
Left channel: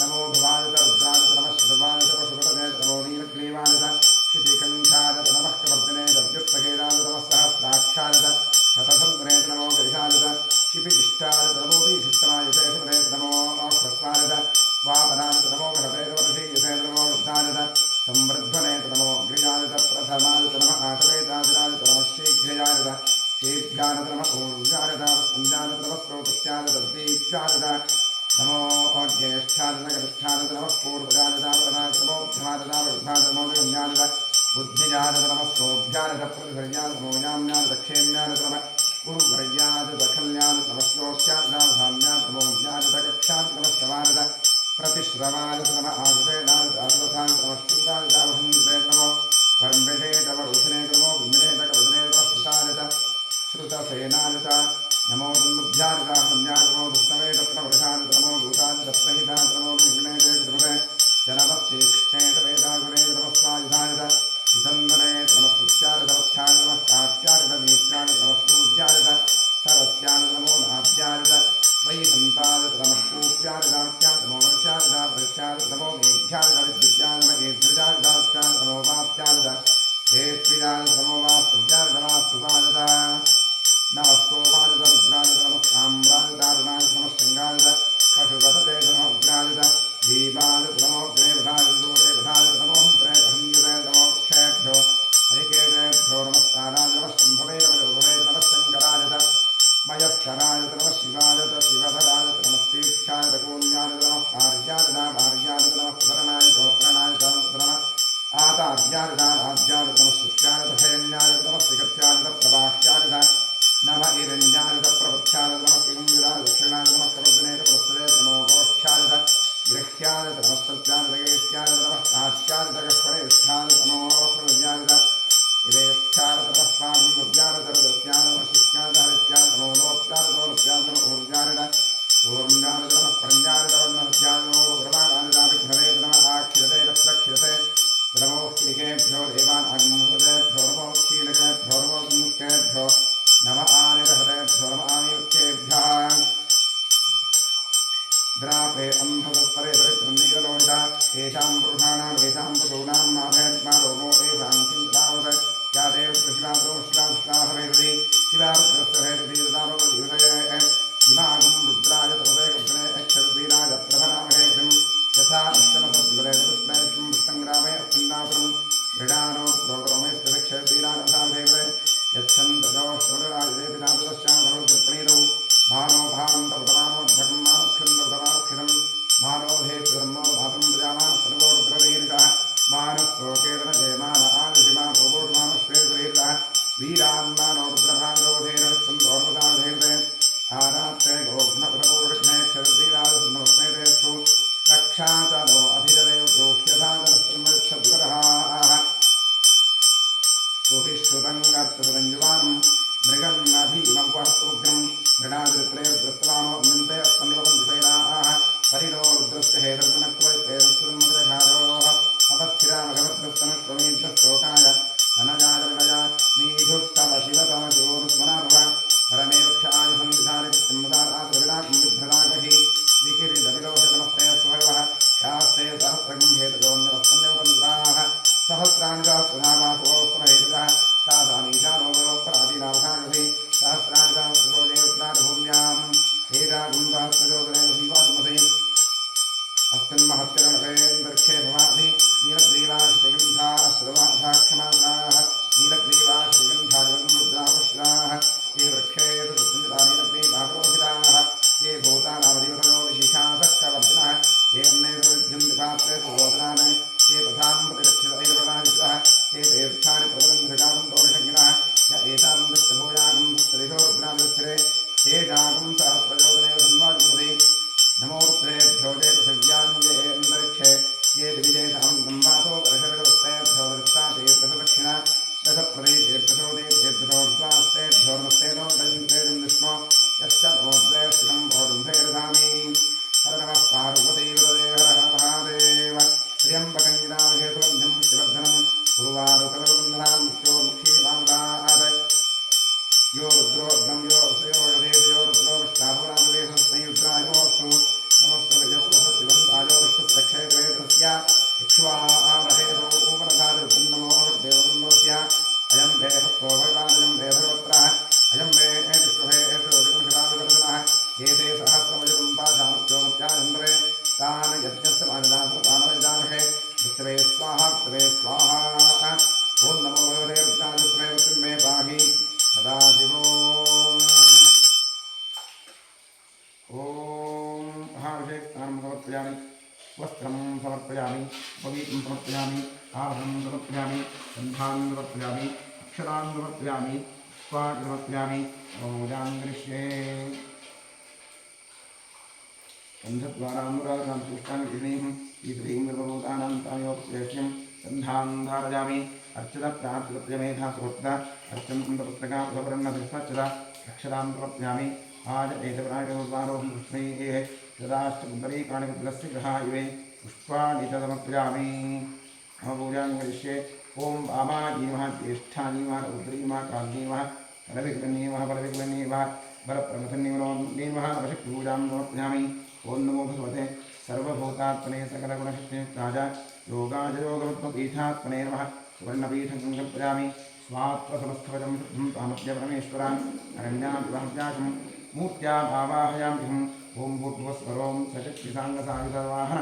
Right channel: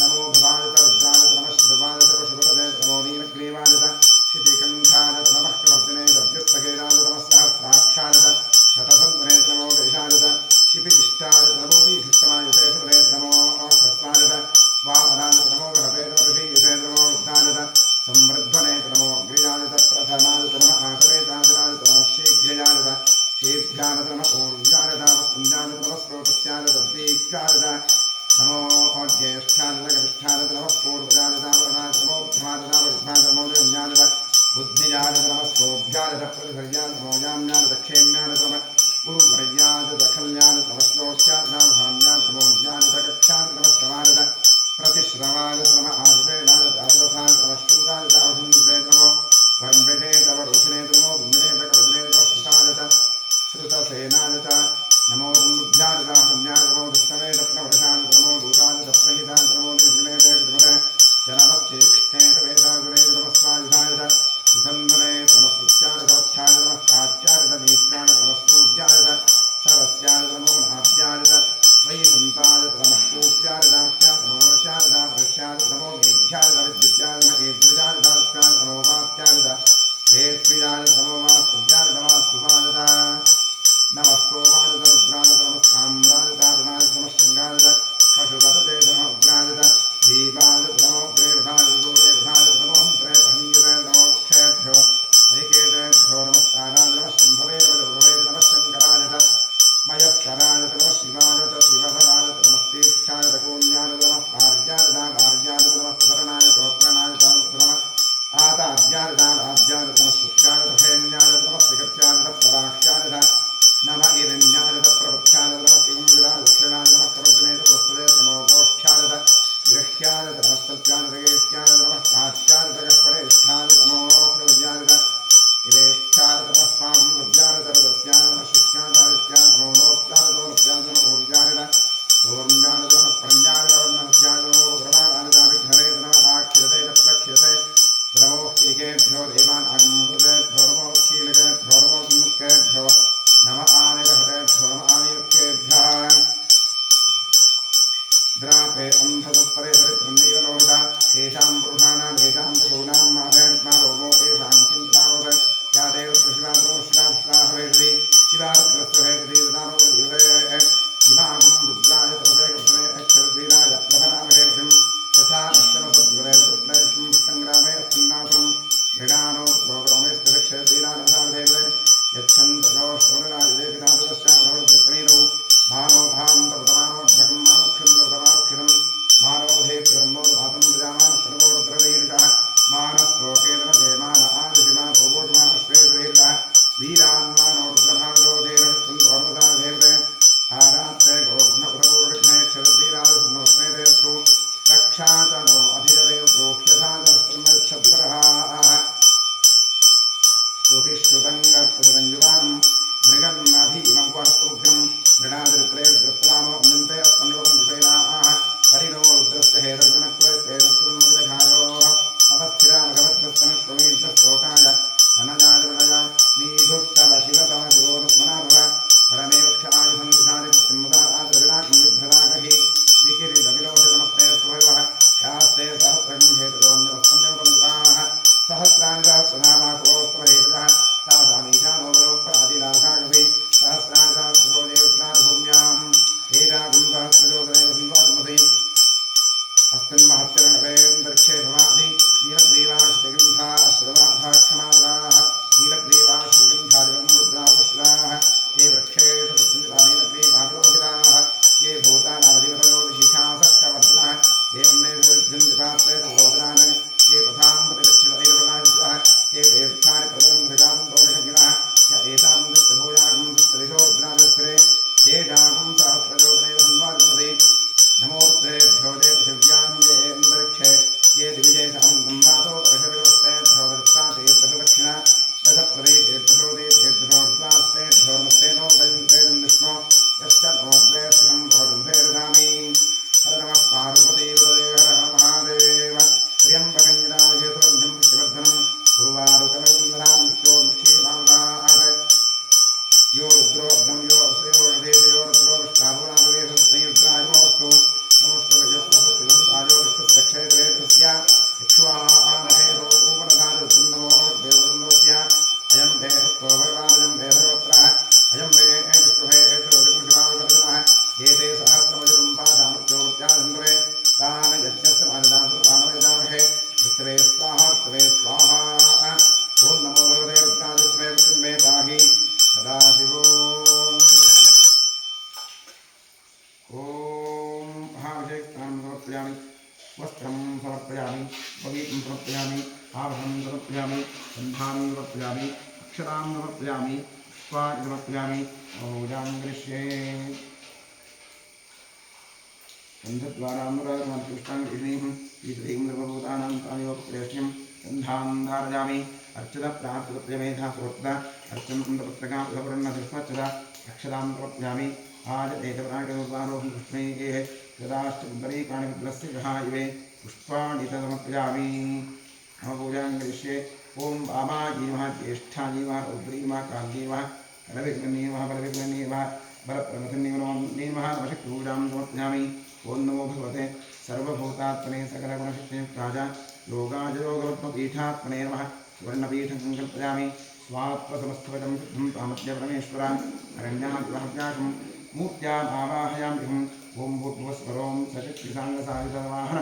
नमो भवाजत रुद्राजत नमः शिवाजत पशुपतये नमो नीलग्रीवाजत क्षितिकण्ठाजत नमः कवर्तिने दव्युत्तकेराजत नमः सहस्राक्षाजत शतसन्वने नमो गैषाजत शिपितिष्ठाजत नमो भीषुष्टमायुषे सुपदे नमो ह्रस्वाजत वामनाजत नमो बृहतेर्षीयुषे नमो वृद्धाजत संवृद्धने नमो अग्रियाजत प्रथमाजत नमः आकवेताजराजत नमः शीघ्रयाजत शीघ्राजत नमः ऊर्जाजत वसुञ्जाजत नमः स्रोतस्याजत दीप्याजत नमो ज्येष्ठाजत गरिष्ठाजत नमः पूर्वजाजतावरणाजत नमो मध्यमाजतावरुद्धाजत नमो जगन्याजत बुद्धिजाजत नमः सोऽभ्याजत प्रतिधर्याजत नमो याम्याजत क्षेम्याजत नमः गुरुवर्याजत खल्याजत नमः श्लोक्याजतावधाम्याजत नमो ज्ञाजत कक्षाजत नमः श्रवाजत प्रतिश्रवाजत नमः आजुषेणाजत आजुरथाजत नमः शूराजतावधन्यते नमो वर्म्भिषेतवरुधिने नमो बिम्बिनेत कवचने नमः श्रुताजत श्रुतसेनाजत नमो दुर्भ्याजत हन्याजत नमो दुष्टवेत प्रवृषाजत नमो दूताजत प्रहिताजत नमो निर्गुणेते कृते जनमश्चेक्षेत वेदागुणेत नमः स्वायुधाजत सुधन्वनेत नमः स्तुत्याजत वत्स्याजत नमः कात्याजत नेत्याजत नमः स्तूत्याजत सरस्याजत नमो नाद्याजत वैसन्ताजत नमः पूप्याजत नमो वर्ष्याजत वर्ष्याजत नमो मेघ्याजत विद्युत्याजत नमः एध्रजाजत वत्स्याजत नमो वात्याजत हेत्विजाजत नमो वास्तुभ्याजत वास्तुवाजत नमः सोमाजत रुद्राजत नमः साम्राजताजनाजत नमः शृङ्गाजत पशुपतये नमः उग्राजत दीपाजत नमो देवधाजत देवधाजत नमो हन्त्रेतहनीयते नमो क्षेभ्यो हरिकेतेभ्यो नमस्काराजत नमः शम्भवे नमः शङ्कराजत मयस्कराजत नमः शिवाजत शिवधराजत नमस्तीर्थ्याजत कूल्याजत नमः पार्याजत भार्याजत नमः सुधरणाजत उत्तरणाजत नमः आतार्याजत आद्याजत नमः शुक्याजत हेन्याजत नमः श्रीगत्याजत प्रवाह्याजत नमः ईरण्याजत प्रपथ्याजत नमः किङ्गिराजत दक्षिणाजत नमः कवर्धनेत पुरस्सरेत नमो गोष्ठ्याजत गृह्याजत नमः सत्याजत गेष्ट्याजत नमः काट्याजत गह्वरेष्ठाजत नमो हृदयाजत इवेष्ठाजत नमः पादं लभ्याजत रदस्याजत नमः शिष्याजत हरित्याजत नमो लोप्याजत लोप्याजत नमो ऊर्जाजत ऊर्म्याजत नमः प्रण्याजत वर्णहत्याजत नमो ग्रहाणाजत विघ्नरेत नमः आख्यते प्रख्यते नमो किलिकेभ्यो देवान् आगमहृदेभ्यो नमो क्षीलकेभ्यो नमो संयुक्तेभ्यो नमः आनिर्हतेभ्यो नमः आनियुक्तेभ्यः द्रापे अन्धसत्परे दरिद्रं नीललोहिता येषां पुरुषाणां येषां पशूनां माभेर्मा रोमो येषां किञ्चिदावत् या देवशिवादो शिवाहवेषति शिवारुद्रस्य हेतति ददानो दिवसे इमागुं रुद्राय तपसे कब्दने अक्षरवीराय प्रभरामहेवतिं यथा अष्टमसद्विवरे तदुष्णेष्टं पुष्टङ्ग्रामे अस्मिन्नासुरं मृडानो लोकरोमे स्थिरक्षरवीरानवसावदेवते यच्छन्तजोष्टमराजदे पिता तदश्यामधवरुद्रप्रणीतौ मानो भान्तपतमानोद्भगं मानुक्षन्दपतमानुक्षितं मानोधे धर्मोद्भातं प्रजामानः सर्वो रुद्रदैर्षः मानस्तोकेन जयमान आदिशिमा भोगोषमानश्वेतदैर्षः वीरान्मानो रुद्रभागोधेरहत्सन्दोर्वसादेवते आरात्रे गोघ्नपुरपूर्णघ्ने क्षरद्वीराजसन्नमस्मेतेस्तु रक्षा च नो अधिजरेव प्रोह्यथा जनश्रमच्छद्वरः सुहिश्रुतङ्गर्तुरञ्जुवानं मृगन्नभीमवस्तुग्रं मृणादित्रैर्दृष्टवानो अम्यन्ते अस्मन्निवन्दिसेनाः हरिणो रुद्रस्य हेतर्गुणत्वैर्पेरस्तुन्मुद्रघारोः अपस्थिरामगवद्भस्तनश्वमेभ्यस्तोकाय धनजाजरुणय मीधुष्टव शिवतमशिवोनुस्मनाभव परमेव क्षायुसन्धिधारिकृत्यम्बदाराद्रविलाकं विभ्रदागहि विकिरीटविलोहे नमस्ते स्वभवः यास्ते सहस्रगं हेतजोऽन्यवस्तन्यवपन्ताः सहस्राणि सहस्रधामाकुवस्त्रहेतजः साधामीशानोपराधीनावधागसि सहस्राणि सहस्रशोजे उत्तरादिभूम्यां एतागुं सहस्रजोदनेन संवादमसे अस्मिन् महत्तरणपेन्दर्क्षे भवाधि नीलग्रीवाश्रिगन्धा श्रवाधाक्षमाद्राः नीलग्रीवाश्रिगन्धादिवन्मुद्रापुष्टाः ये वृक्षेषु सत्सञ्जितानीलग्रीवाग्रोहिताः ये भूतानामधिपतयो विशिखासक्कवर्तिनः ये अन्नेषु विद्यन्ति पात्रेषु गोत्रान् ये पथां प्रतिरक्षितैरप्रदादितः ये तीर्थानि प्रतरन्धृगान्तोषज्ञिनः य एतां दृष्टभूयागं दुस्तरिशो रुद्रादिस्थिरे तेषागं सहस्रजोदनेव संवादिमते नमोर्त्रेभ्यो जय पृथिव्याञ्जे अन्तरिक्षे ये दिविजयशामन्तं वासो दर्शविदवस्तेभ्यो दृष्टातेर्दशदक्षिणा दशप्रदेशेर्दशोदयेर्दशोर्द्वास्तेभ्योर्मस्तेनो दयन्तेदं विष्णो यश्च नोद्वयस्थितं भोरुम्भैर्धामि हर नमः पार्वतीवदे हर महादेव त्र्यम्बकं यदामहे सुगन्धिं पुष्टिवर्धनं उर्वारुकलवन्धनां मृत्योर्मुक्षीमानुदात् यो रुद्रो अग्नं यो असयो रथेश यो रुद्रो विष्टाभुरामवेशस्मै रुद्रायमोऽस्तु नमस्तु गजस्वसुवन्तायो विष्णुस्य क्षेत्रे तस्य इक्ष्वामहेतो उपनधारुद्रन्नमो देवरुन्द्रस्य अयं मे हस्तो भगवानजं मे भगवत्रः अयं मे विष्णुहे शिवाविकर्जनः एते सहस्रमजतुं पाशामुच्योमुत्यानन्दवे तान् यज्ञस्य मानदासमानवेदामहे मृत्यवे स्वाहा मृत्यवे स्वाहा ॐ नमो भगवते रुद्रादित्वे मृत्युं मे पाहि सदाशिवोम् ॐ महाभिषेकस्नानं समर्पयामि वस्त्रं समर्पयामि उपवीतं समर्पयामि आभरणं समर्पयामि गन्धान् समर्पयामि अक्षतान् समर्पयामि पुष्पाणि समर्पयामि पूजां करिष्ये गन्धद्वारानुरागकान्तुष्टाङ्गीं ईश्वरीं सर्वभूतानां तामेवप्रेष्यं गन्धान् धारयामि अर्चितप्रार्चितप्रियमेधा सोत्ता अर्चन्तपुत्रकापुरन्नतिस्मच्चता अक्षतां समर्पयामि आजपेतप्राणिकदुर्वारोहं कृष्णैः सदाश्च पुण्डरीकाणि मुद्रस्य गृहायवे पुष्पाणि च समर्पयामि मम पूजां करिष्ये ॐ वामाजी नमः ज्येष्ठाजी नमः रौद्री नमः काली नमः कलविकलन्ये नमः बलविकलन्ये नमः बलप्रमथन्ये नमः नमशक्तिपूजां समर्पयामि ॐ नमो भगवते सर्वभूतात्मने सकलगुणशक्तियुक्ताय योगाय योगवत्मपीठात्मने नमः सुवर्णपीठं कल्पयामि स्वात्मसमस्तवचं शुद्धं तामद्य परमेश्वरा अरण्यादिवहव्यासं मूर्त्याम् आवाहयाम्यहम् ॐ भूर्भुवस्वरों सशक्तिसाङ्गसायुधवाहन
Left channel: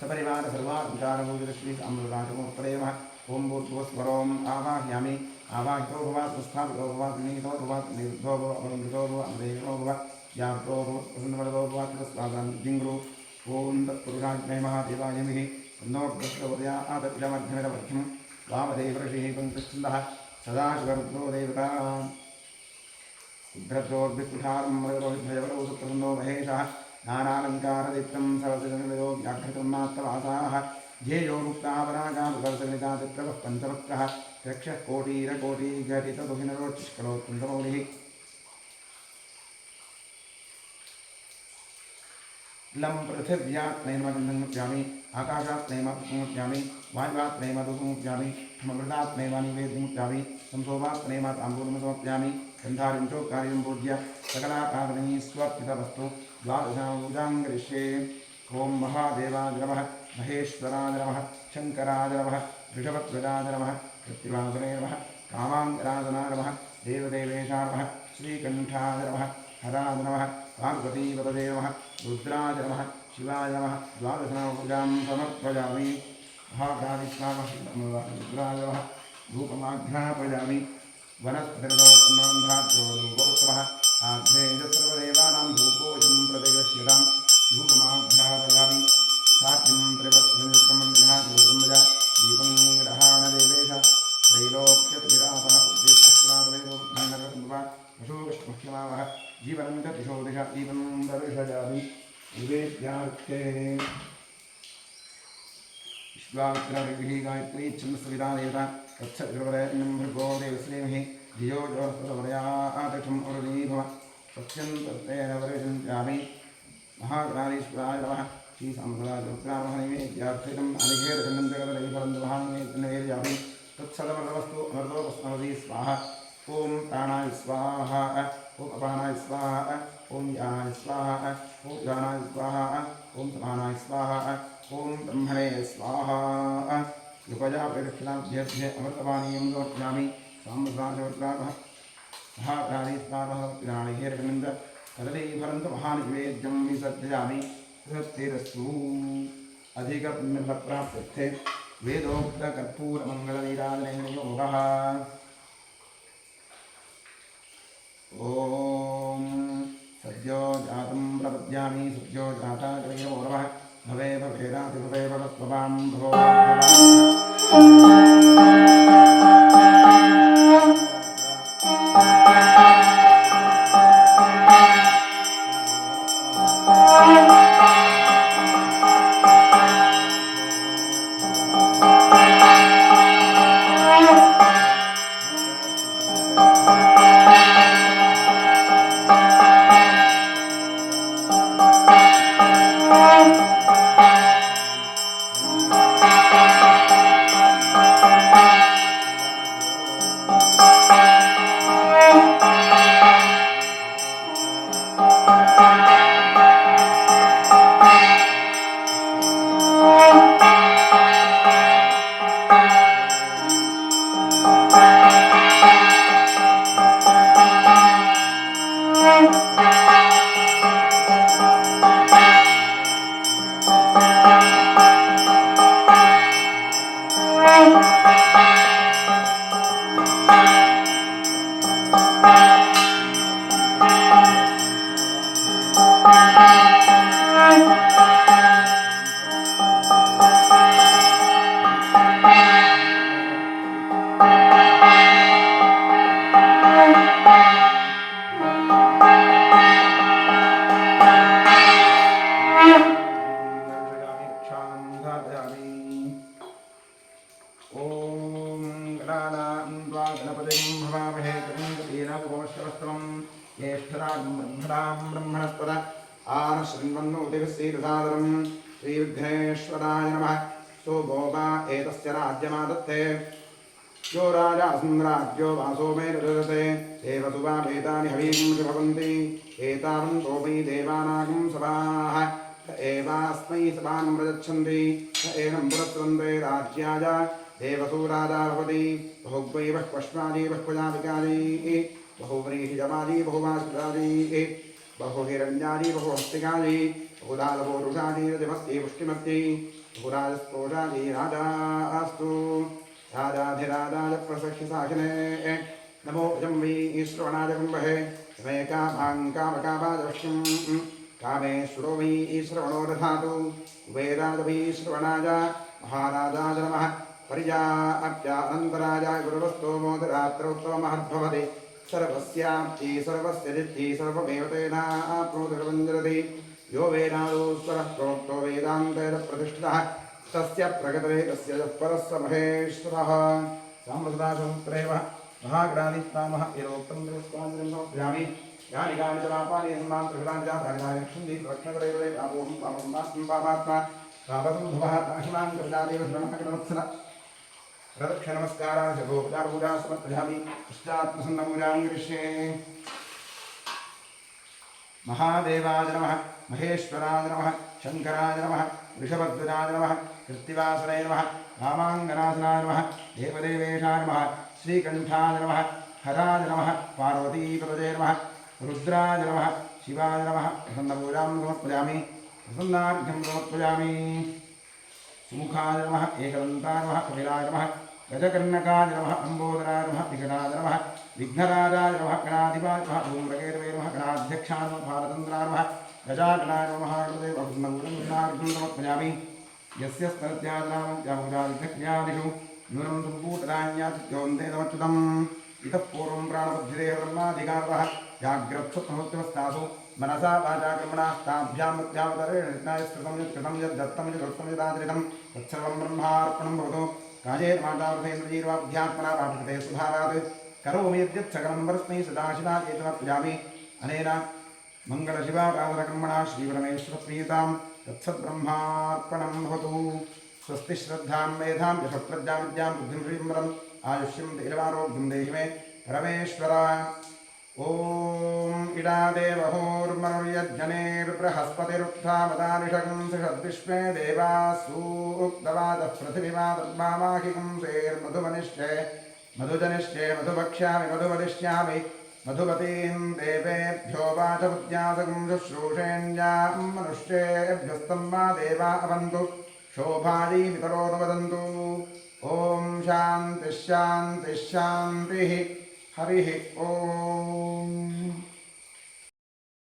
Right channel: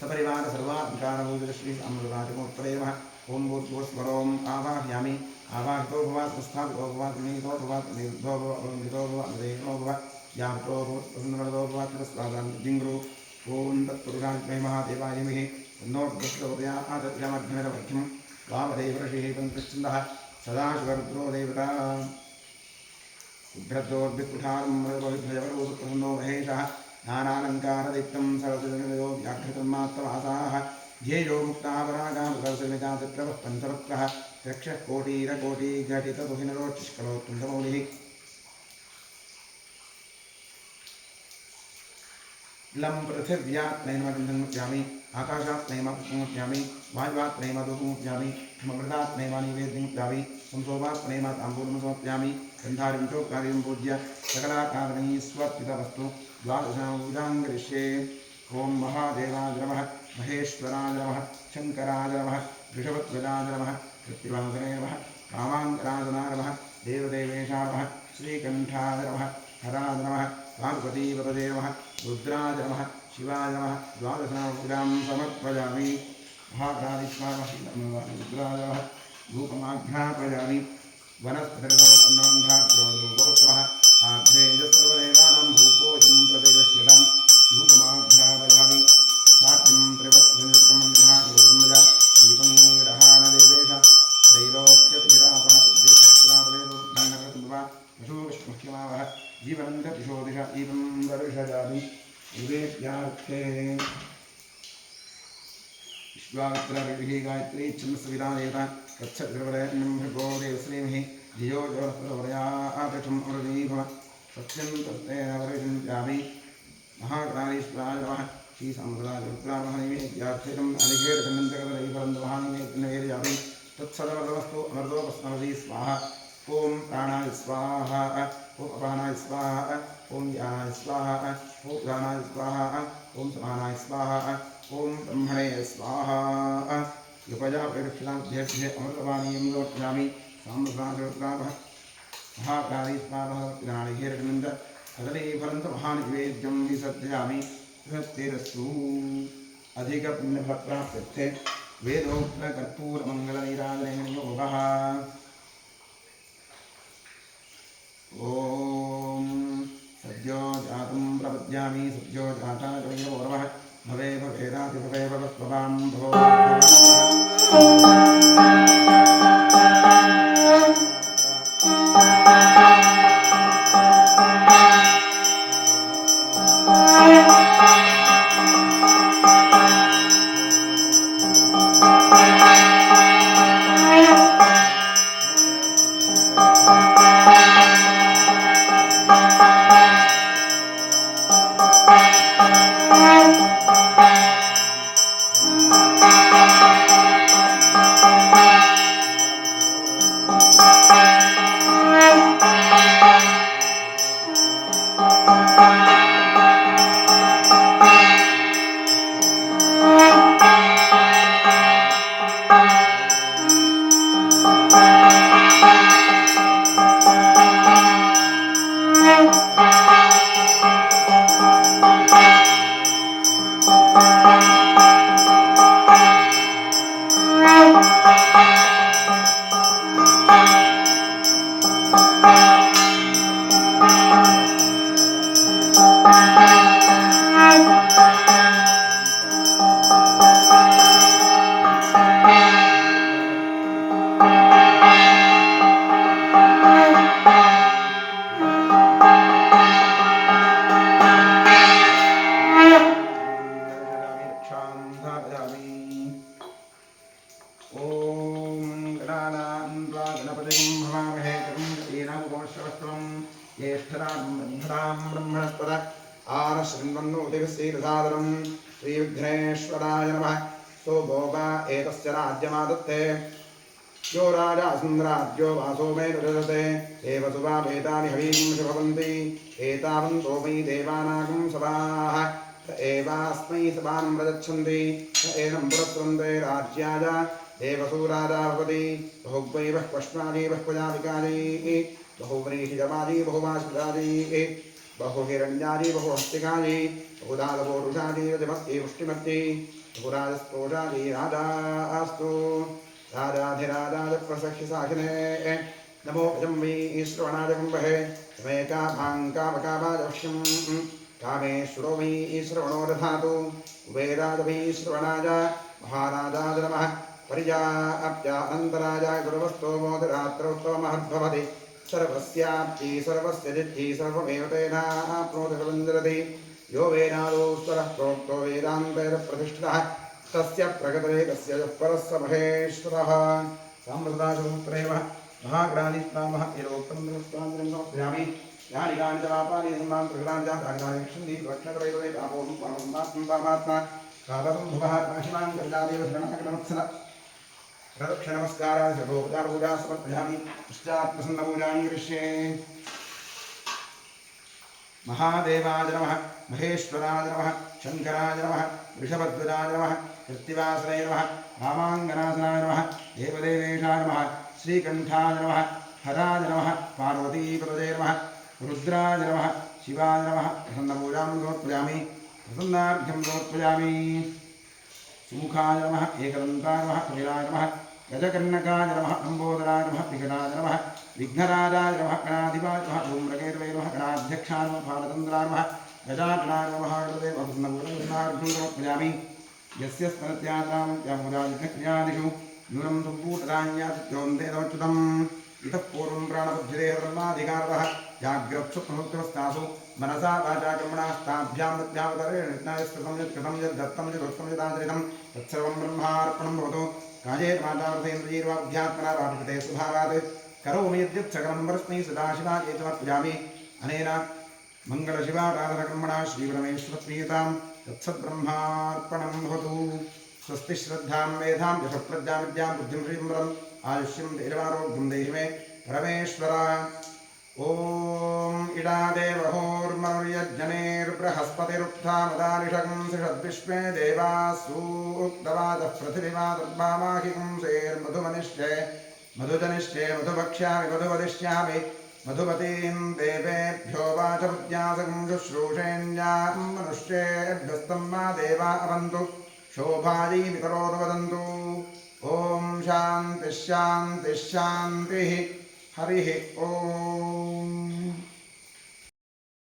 सपरिवार सर्वाधिकारभूषित श्री अमृतराजमूर्तये नमः ॐ भूर्भुवस्वरों आवाहयामि आवाहितो भवात् स्थापितो भवात् नीतो भवात् निरुद्धो भव अवलम्बितो भव अमृतो भव व्याप्तो भवत् प्रसन्नवरदो भवात् स्वादां जिङ्गुरु ॐ तत्पुरुषाय महादेवाय विः तन्नोर्दुष्टोदयादजमघ्नमध्यं वामदेवऋषिः पङ्कजच्छन्दः सदाशिवरुद्रो देवता उभ्रद्रोर्भिकुठारमृतरोहिभ्रजवरोसुप्रसन्नो महेशः नानालङ्कारदीप्तं सरसिजनिलयो व्याघ्रतन्मात्रवासाः ध्येयो मुक्तापरागानुदर्शनिता तत्रवः पञ्चवक्त्रः रक्षः कोटिरकोटिघटितदुहिनरोच्चिष्कलोत्तुङ्गमौलिः लं पृथिव्यात्नैर्मगन्धमुच्यामि आकाशात्नैर्मपुष्पमुच्यामि वायुवात्नैर्मधुमुच्यामि मृदात्नैर्मनिवेद्यमुच्यामि संसोपात्नैर्मताम्बूलमसमर्पयामि गन्धारिं चोक्कारिं पूज्य सकलाकारणैः स्वर्पितवस्तु द्वादशापूजां करिष्ये ॐ महादेवाय नमः महेश्वराय नमः शङ्कराय नमः वृषभध्वजाय नमः कृत्तिवासने नमः कामाङ्गराजनाय नमः देवदेवेशाय नमः श्रीकण्ठाय नमः हराय नमः पार्वतीपतये नमः रुद्राय नमः शिवाय नमः द्वादशनामपूजां समर्पयामि महागणाधिष्ठानः रुद्राय नमः धूपमाघ्रापयामि वनस्पतिरथोत्पन्नबन्धाद्यो धूपोत्तमः आघ्रेय सर्वदेवानां धूपोऽयं प्रतिगृह्यतां धूपमाघ्रापयामि साध्यं त्रिवत्सनियुक्तमन्यः दीपं ग्रहाणदेवेश त्रैलोक्यतिरापः उद्देश्यस्त्रातवेदोर्धन्नरतम्बवा पशुविष्णुह्यमावः जीवनं च दिशो दिश एवं दर्शयामि निवेद्यार्थे विश्वामित्रऋषिः गायत्री छन्दस्सविता देवता तत्सवितुर्वरेण्यं भर्गो देवश्रीमहि धियो यो प्रचोदयात् अमृतीभव सत्यं तत्तेन वरिष्यामि महागणाधीश्वराय नमः श्रीसाम्राज्यरुद्रामहनिवेद्यार्थितं अनिघेरखण्डन्तकदलैफलन्दवहानिवेद्यामि तत्सदमृतवस्तु अमृतोपस्मरति स्वाहा ॐ प्राणाय स्वाहा ॐ अपानाय स्वाहा ॐ ज्ञानाय स्वाहा ॐ दानाय स्वाहा ॐ समानाय स्वाहा ॐ ब्रह्मणे स्वाहा कृपया प्रेक्षणाभ्यभ्य अमृतपानीयं समर्पयामि साम्राज्यरुद्रामः महागणाधीश्वराय नमः कदलीफलन्तु महानिवेद्यं विसर्जयामि तृप्तिरस्तु। अधिकपुण्यफलप्राप्त्यर्थे वेदोक्तकर्पूरमङ्गलनीराजनेन योगः। ॐ सद्यो जातं प्रपद्यामि सद्यो जाता वैरवौरवः भवे भवेदाति भवे भवस्वभां भवो ब्रह्मणस्पद आनशृण्वन्नोतिभिस्सीरसादरं श्रीविघ्नेश्वराय नमः। सोभोगा एतस्य राज्यमादत्ते यो राजासुन्द्राज्यो वासो मे ददते देवसुवापेतानि हवींषि भवन्ति एतावन्तो मयि देवानागं सभाः स एवास्मै सभां प्रयच्छन्ति स एनं पुरस्रन्ते राज्याय देवसूराजा भवति बहुग्वै बह्वश्वाजी बह्वजातिकाजी बहुव्रीहिजमाजी बहुवासुराजी बहुहिरण्याजी बहुहस्तिकाजी बहुदालपोरुषाजी रजमत्यै पुष्टिमत्यै बहुराजस्पोषाजी राजास्तु राजाधिराजाय प्रसख्य साखिने नमो भजं वै श्रवणाय कुम्भे कामकामकामाजवश्यं कामेश्वरो वै श्रवणो दधातु कुबेराय वै श्रवणाय महाराजाय नमः। पर्याप्त्यानन्तराजाय गुरुवस्तोमोदरात्रोत्तममहद्भवति सर्वस्याप्ति सर्वस्य जिद्धि सर्वमेव तेनाप्नोति सर्वञ्जरति यो वेदादोस्वरः प्रोक्तो वेदान्तैरप्रतिष्ठितः तस्य प्रगतवे तस्य परस्य महेश्वरः। साम्प्रदायसूत्रेव महाग्रादिस्नामः यदोक्तं दृष्ट्वाञ्जलिं समर्पयामि यानि कानि च पापानि सम्मान्तृकृतानि च तानि तानि रक्षन्ति रक्षणकरैवदे पापोऽहं पापसम्मात्मं पापात्मा पापसम्भवः काशिमां कर्जादेव शरणकटवत्सल प्रदक्षिणनमस्कारान् सर्वोपचारपूजां समर्पयामि पश्चात्प्रसन्नपूजां करिष्ये। महादेवाय नमः महेश्वराय नमः शङ्कराय नमः वृषभध्वजाय नमः कृत्तिवासनाय नमः रामाङ्गनासनाय नमः देवदेवेशाय नमः श्रीकण्ठाय नमः हराय नमः पार्वतीपतये नमः रुद्राय नमः शिवाय नमः प्रसन्नपूजां समर्पयामि प्रसन्नार्घ्यं समर्पयामि। सुमुखाय नमः एकदन्ताय नमः कपिलाय नमः गजकर्णकाय नमः लम्बोदराय नमः विकटाय नमः विघ्नराजाय नमः गणाधिपाय नमः धूम्रकेतवे नमः गणाध्यक्षाय नमः बालचन्द्राय नमः गजाननाय नमः प्रसन्नपूर्णार्घ्यं समर्पयामि। यस्य स्तनत्यादिषु न्यूनं सम्पूर्णराण्यादित्योऽन्तेदमच्युतम् इतः पूर्वं प्राणबुद्धिदेह ब्रह्माधिकारतः जाग्रत्सुप्तमुक्तवस्थासु मनसा वाचा कर्मणास्ताभ्यां प्रत्यावतरेण स्मृतं यत् कृतं यत् दत्तं यत् उत्तमं यदाचरितं तत्सर्वं ब्रह्मार्पणं भवतु। कायेन वाचामृतेन्द्रियैर्वाध्यात्मना वा प्रकृते स्वभावात् करोमि यद्यत् सकलं परस्मै सदाशिवाय समर्पयामि। अनेन मङ्गलशिवाराधनकर्मणा श्रीपरमेश्वरप्रीयतां तत्सद्ब्रह्मार्पणं भवतु। स्वस्ति श्रद्धां मेधां यशःप्रज्ञां विद्यां बुद्धिं श्रीम्बरम् आयुष्यं धैर्यमारोग्यं देहि मे परमेश्वर। ॐ इडादेवहोर्मनुर्यज्जनेर्बृहस्पतिरुक्थामदानिषगंसिषद्विश्वे देवासूक्तवाचः पृथिवीमादर्भामाहिगुंसेर्मधुमनिष्ये मधुजनिष्ये मधुभक्ष्यामि मधुवदिष्यामि मधुमतीं देवेभ्यो वाचपुत्यासकं शुश्रूषेण्यां मनुष्येभ्यस्तं वा देवा अवन्तु शोभायै पितरो वदन्तु ॐ शान्तिः शान्तिः शान्तिः हरिः ॐ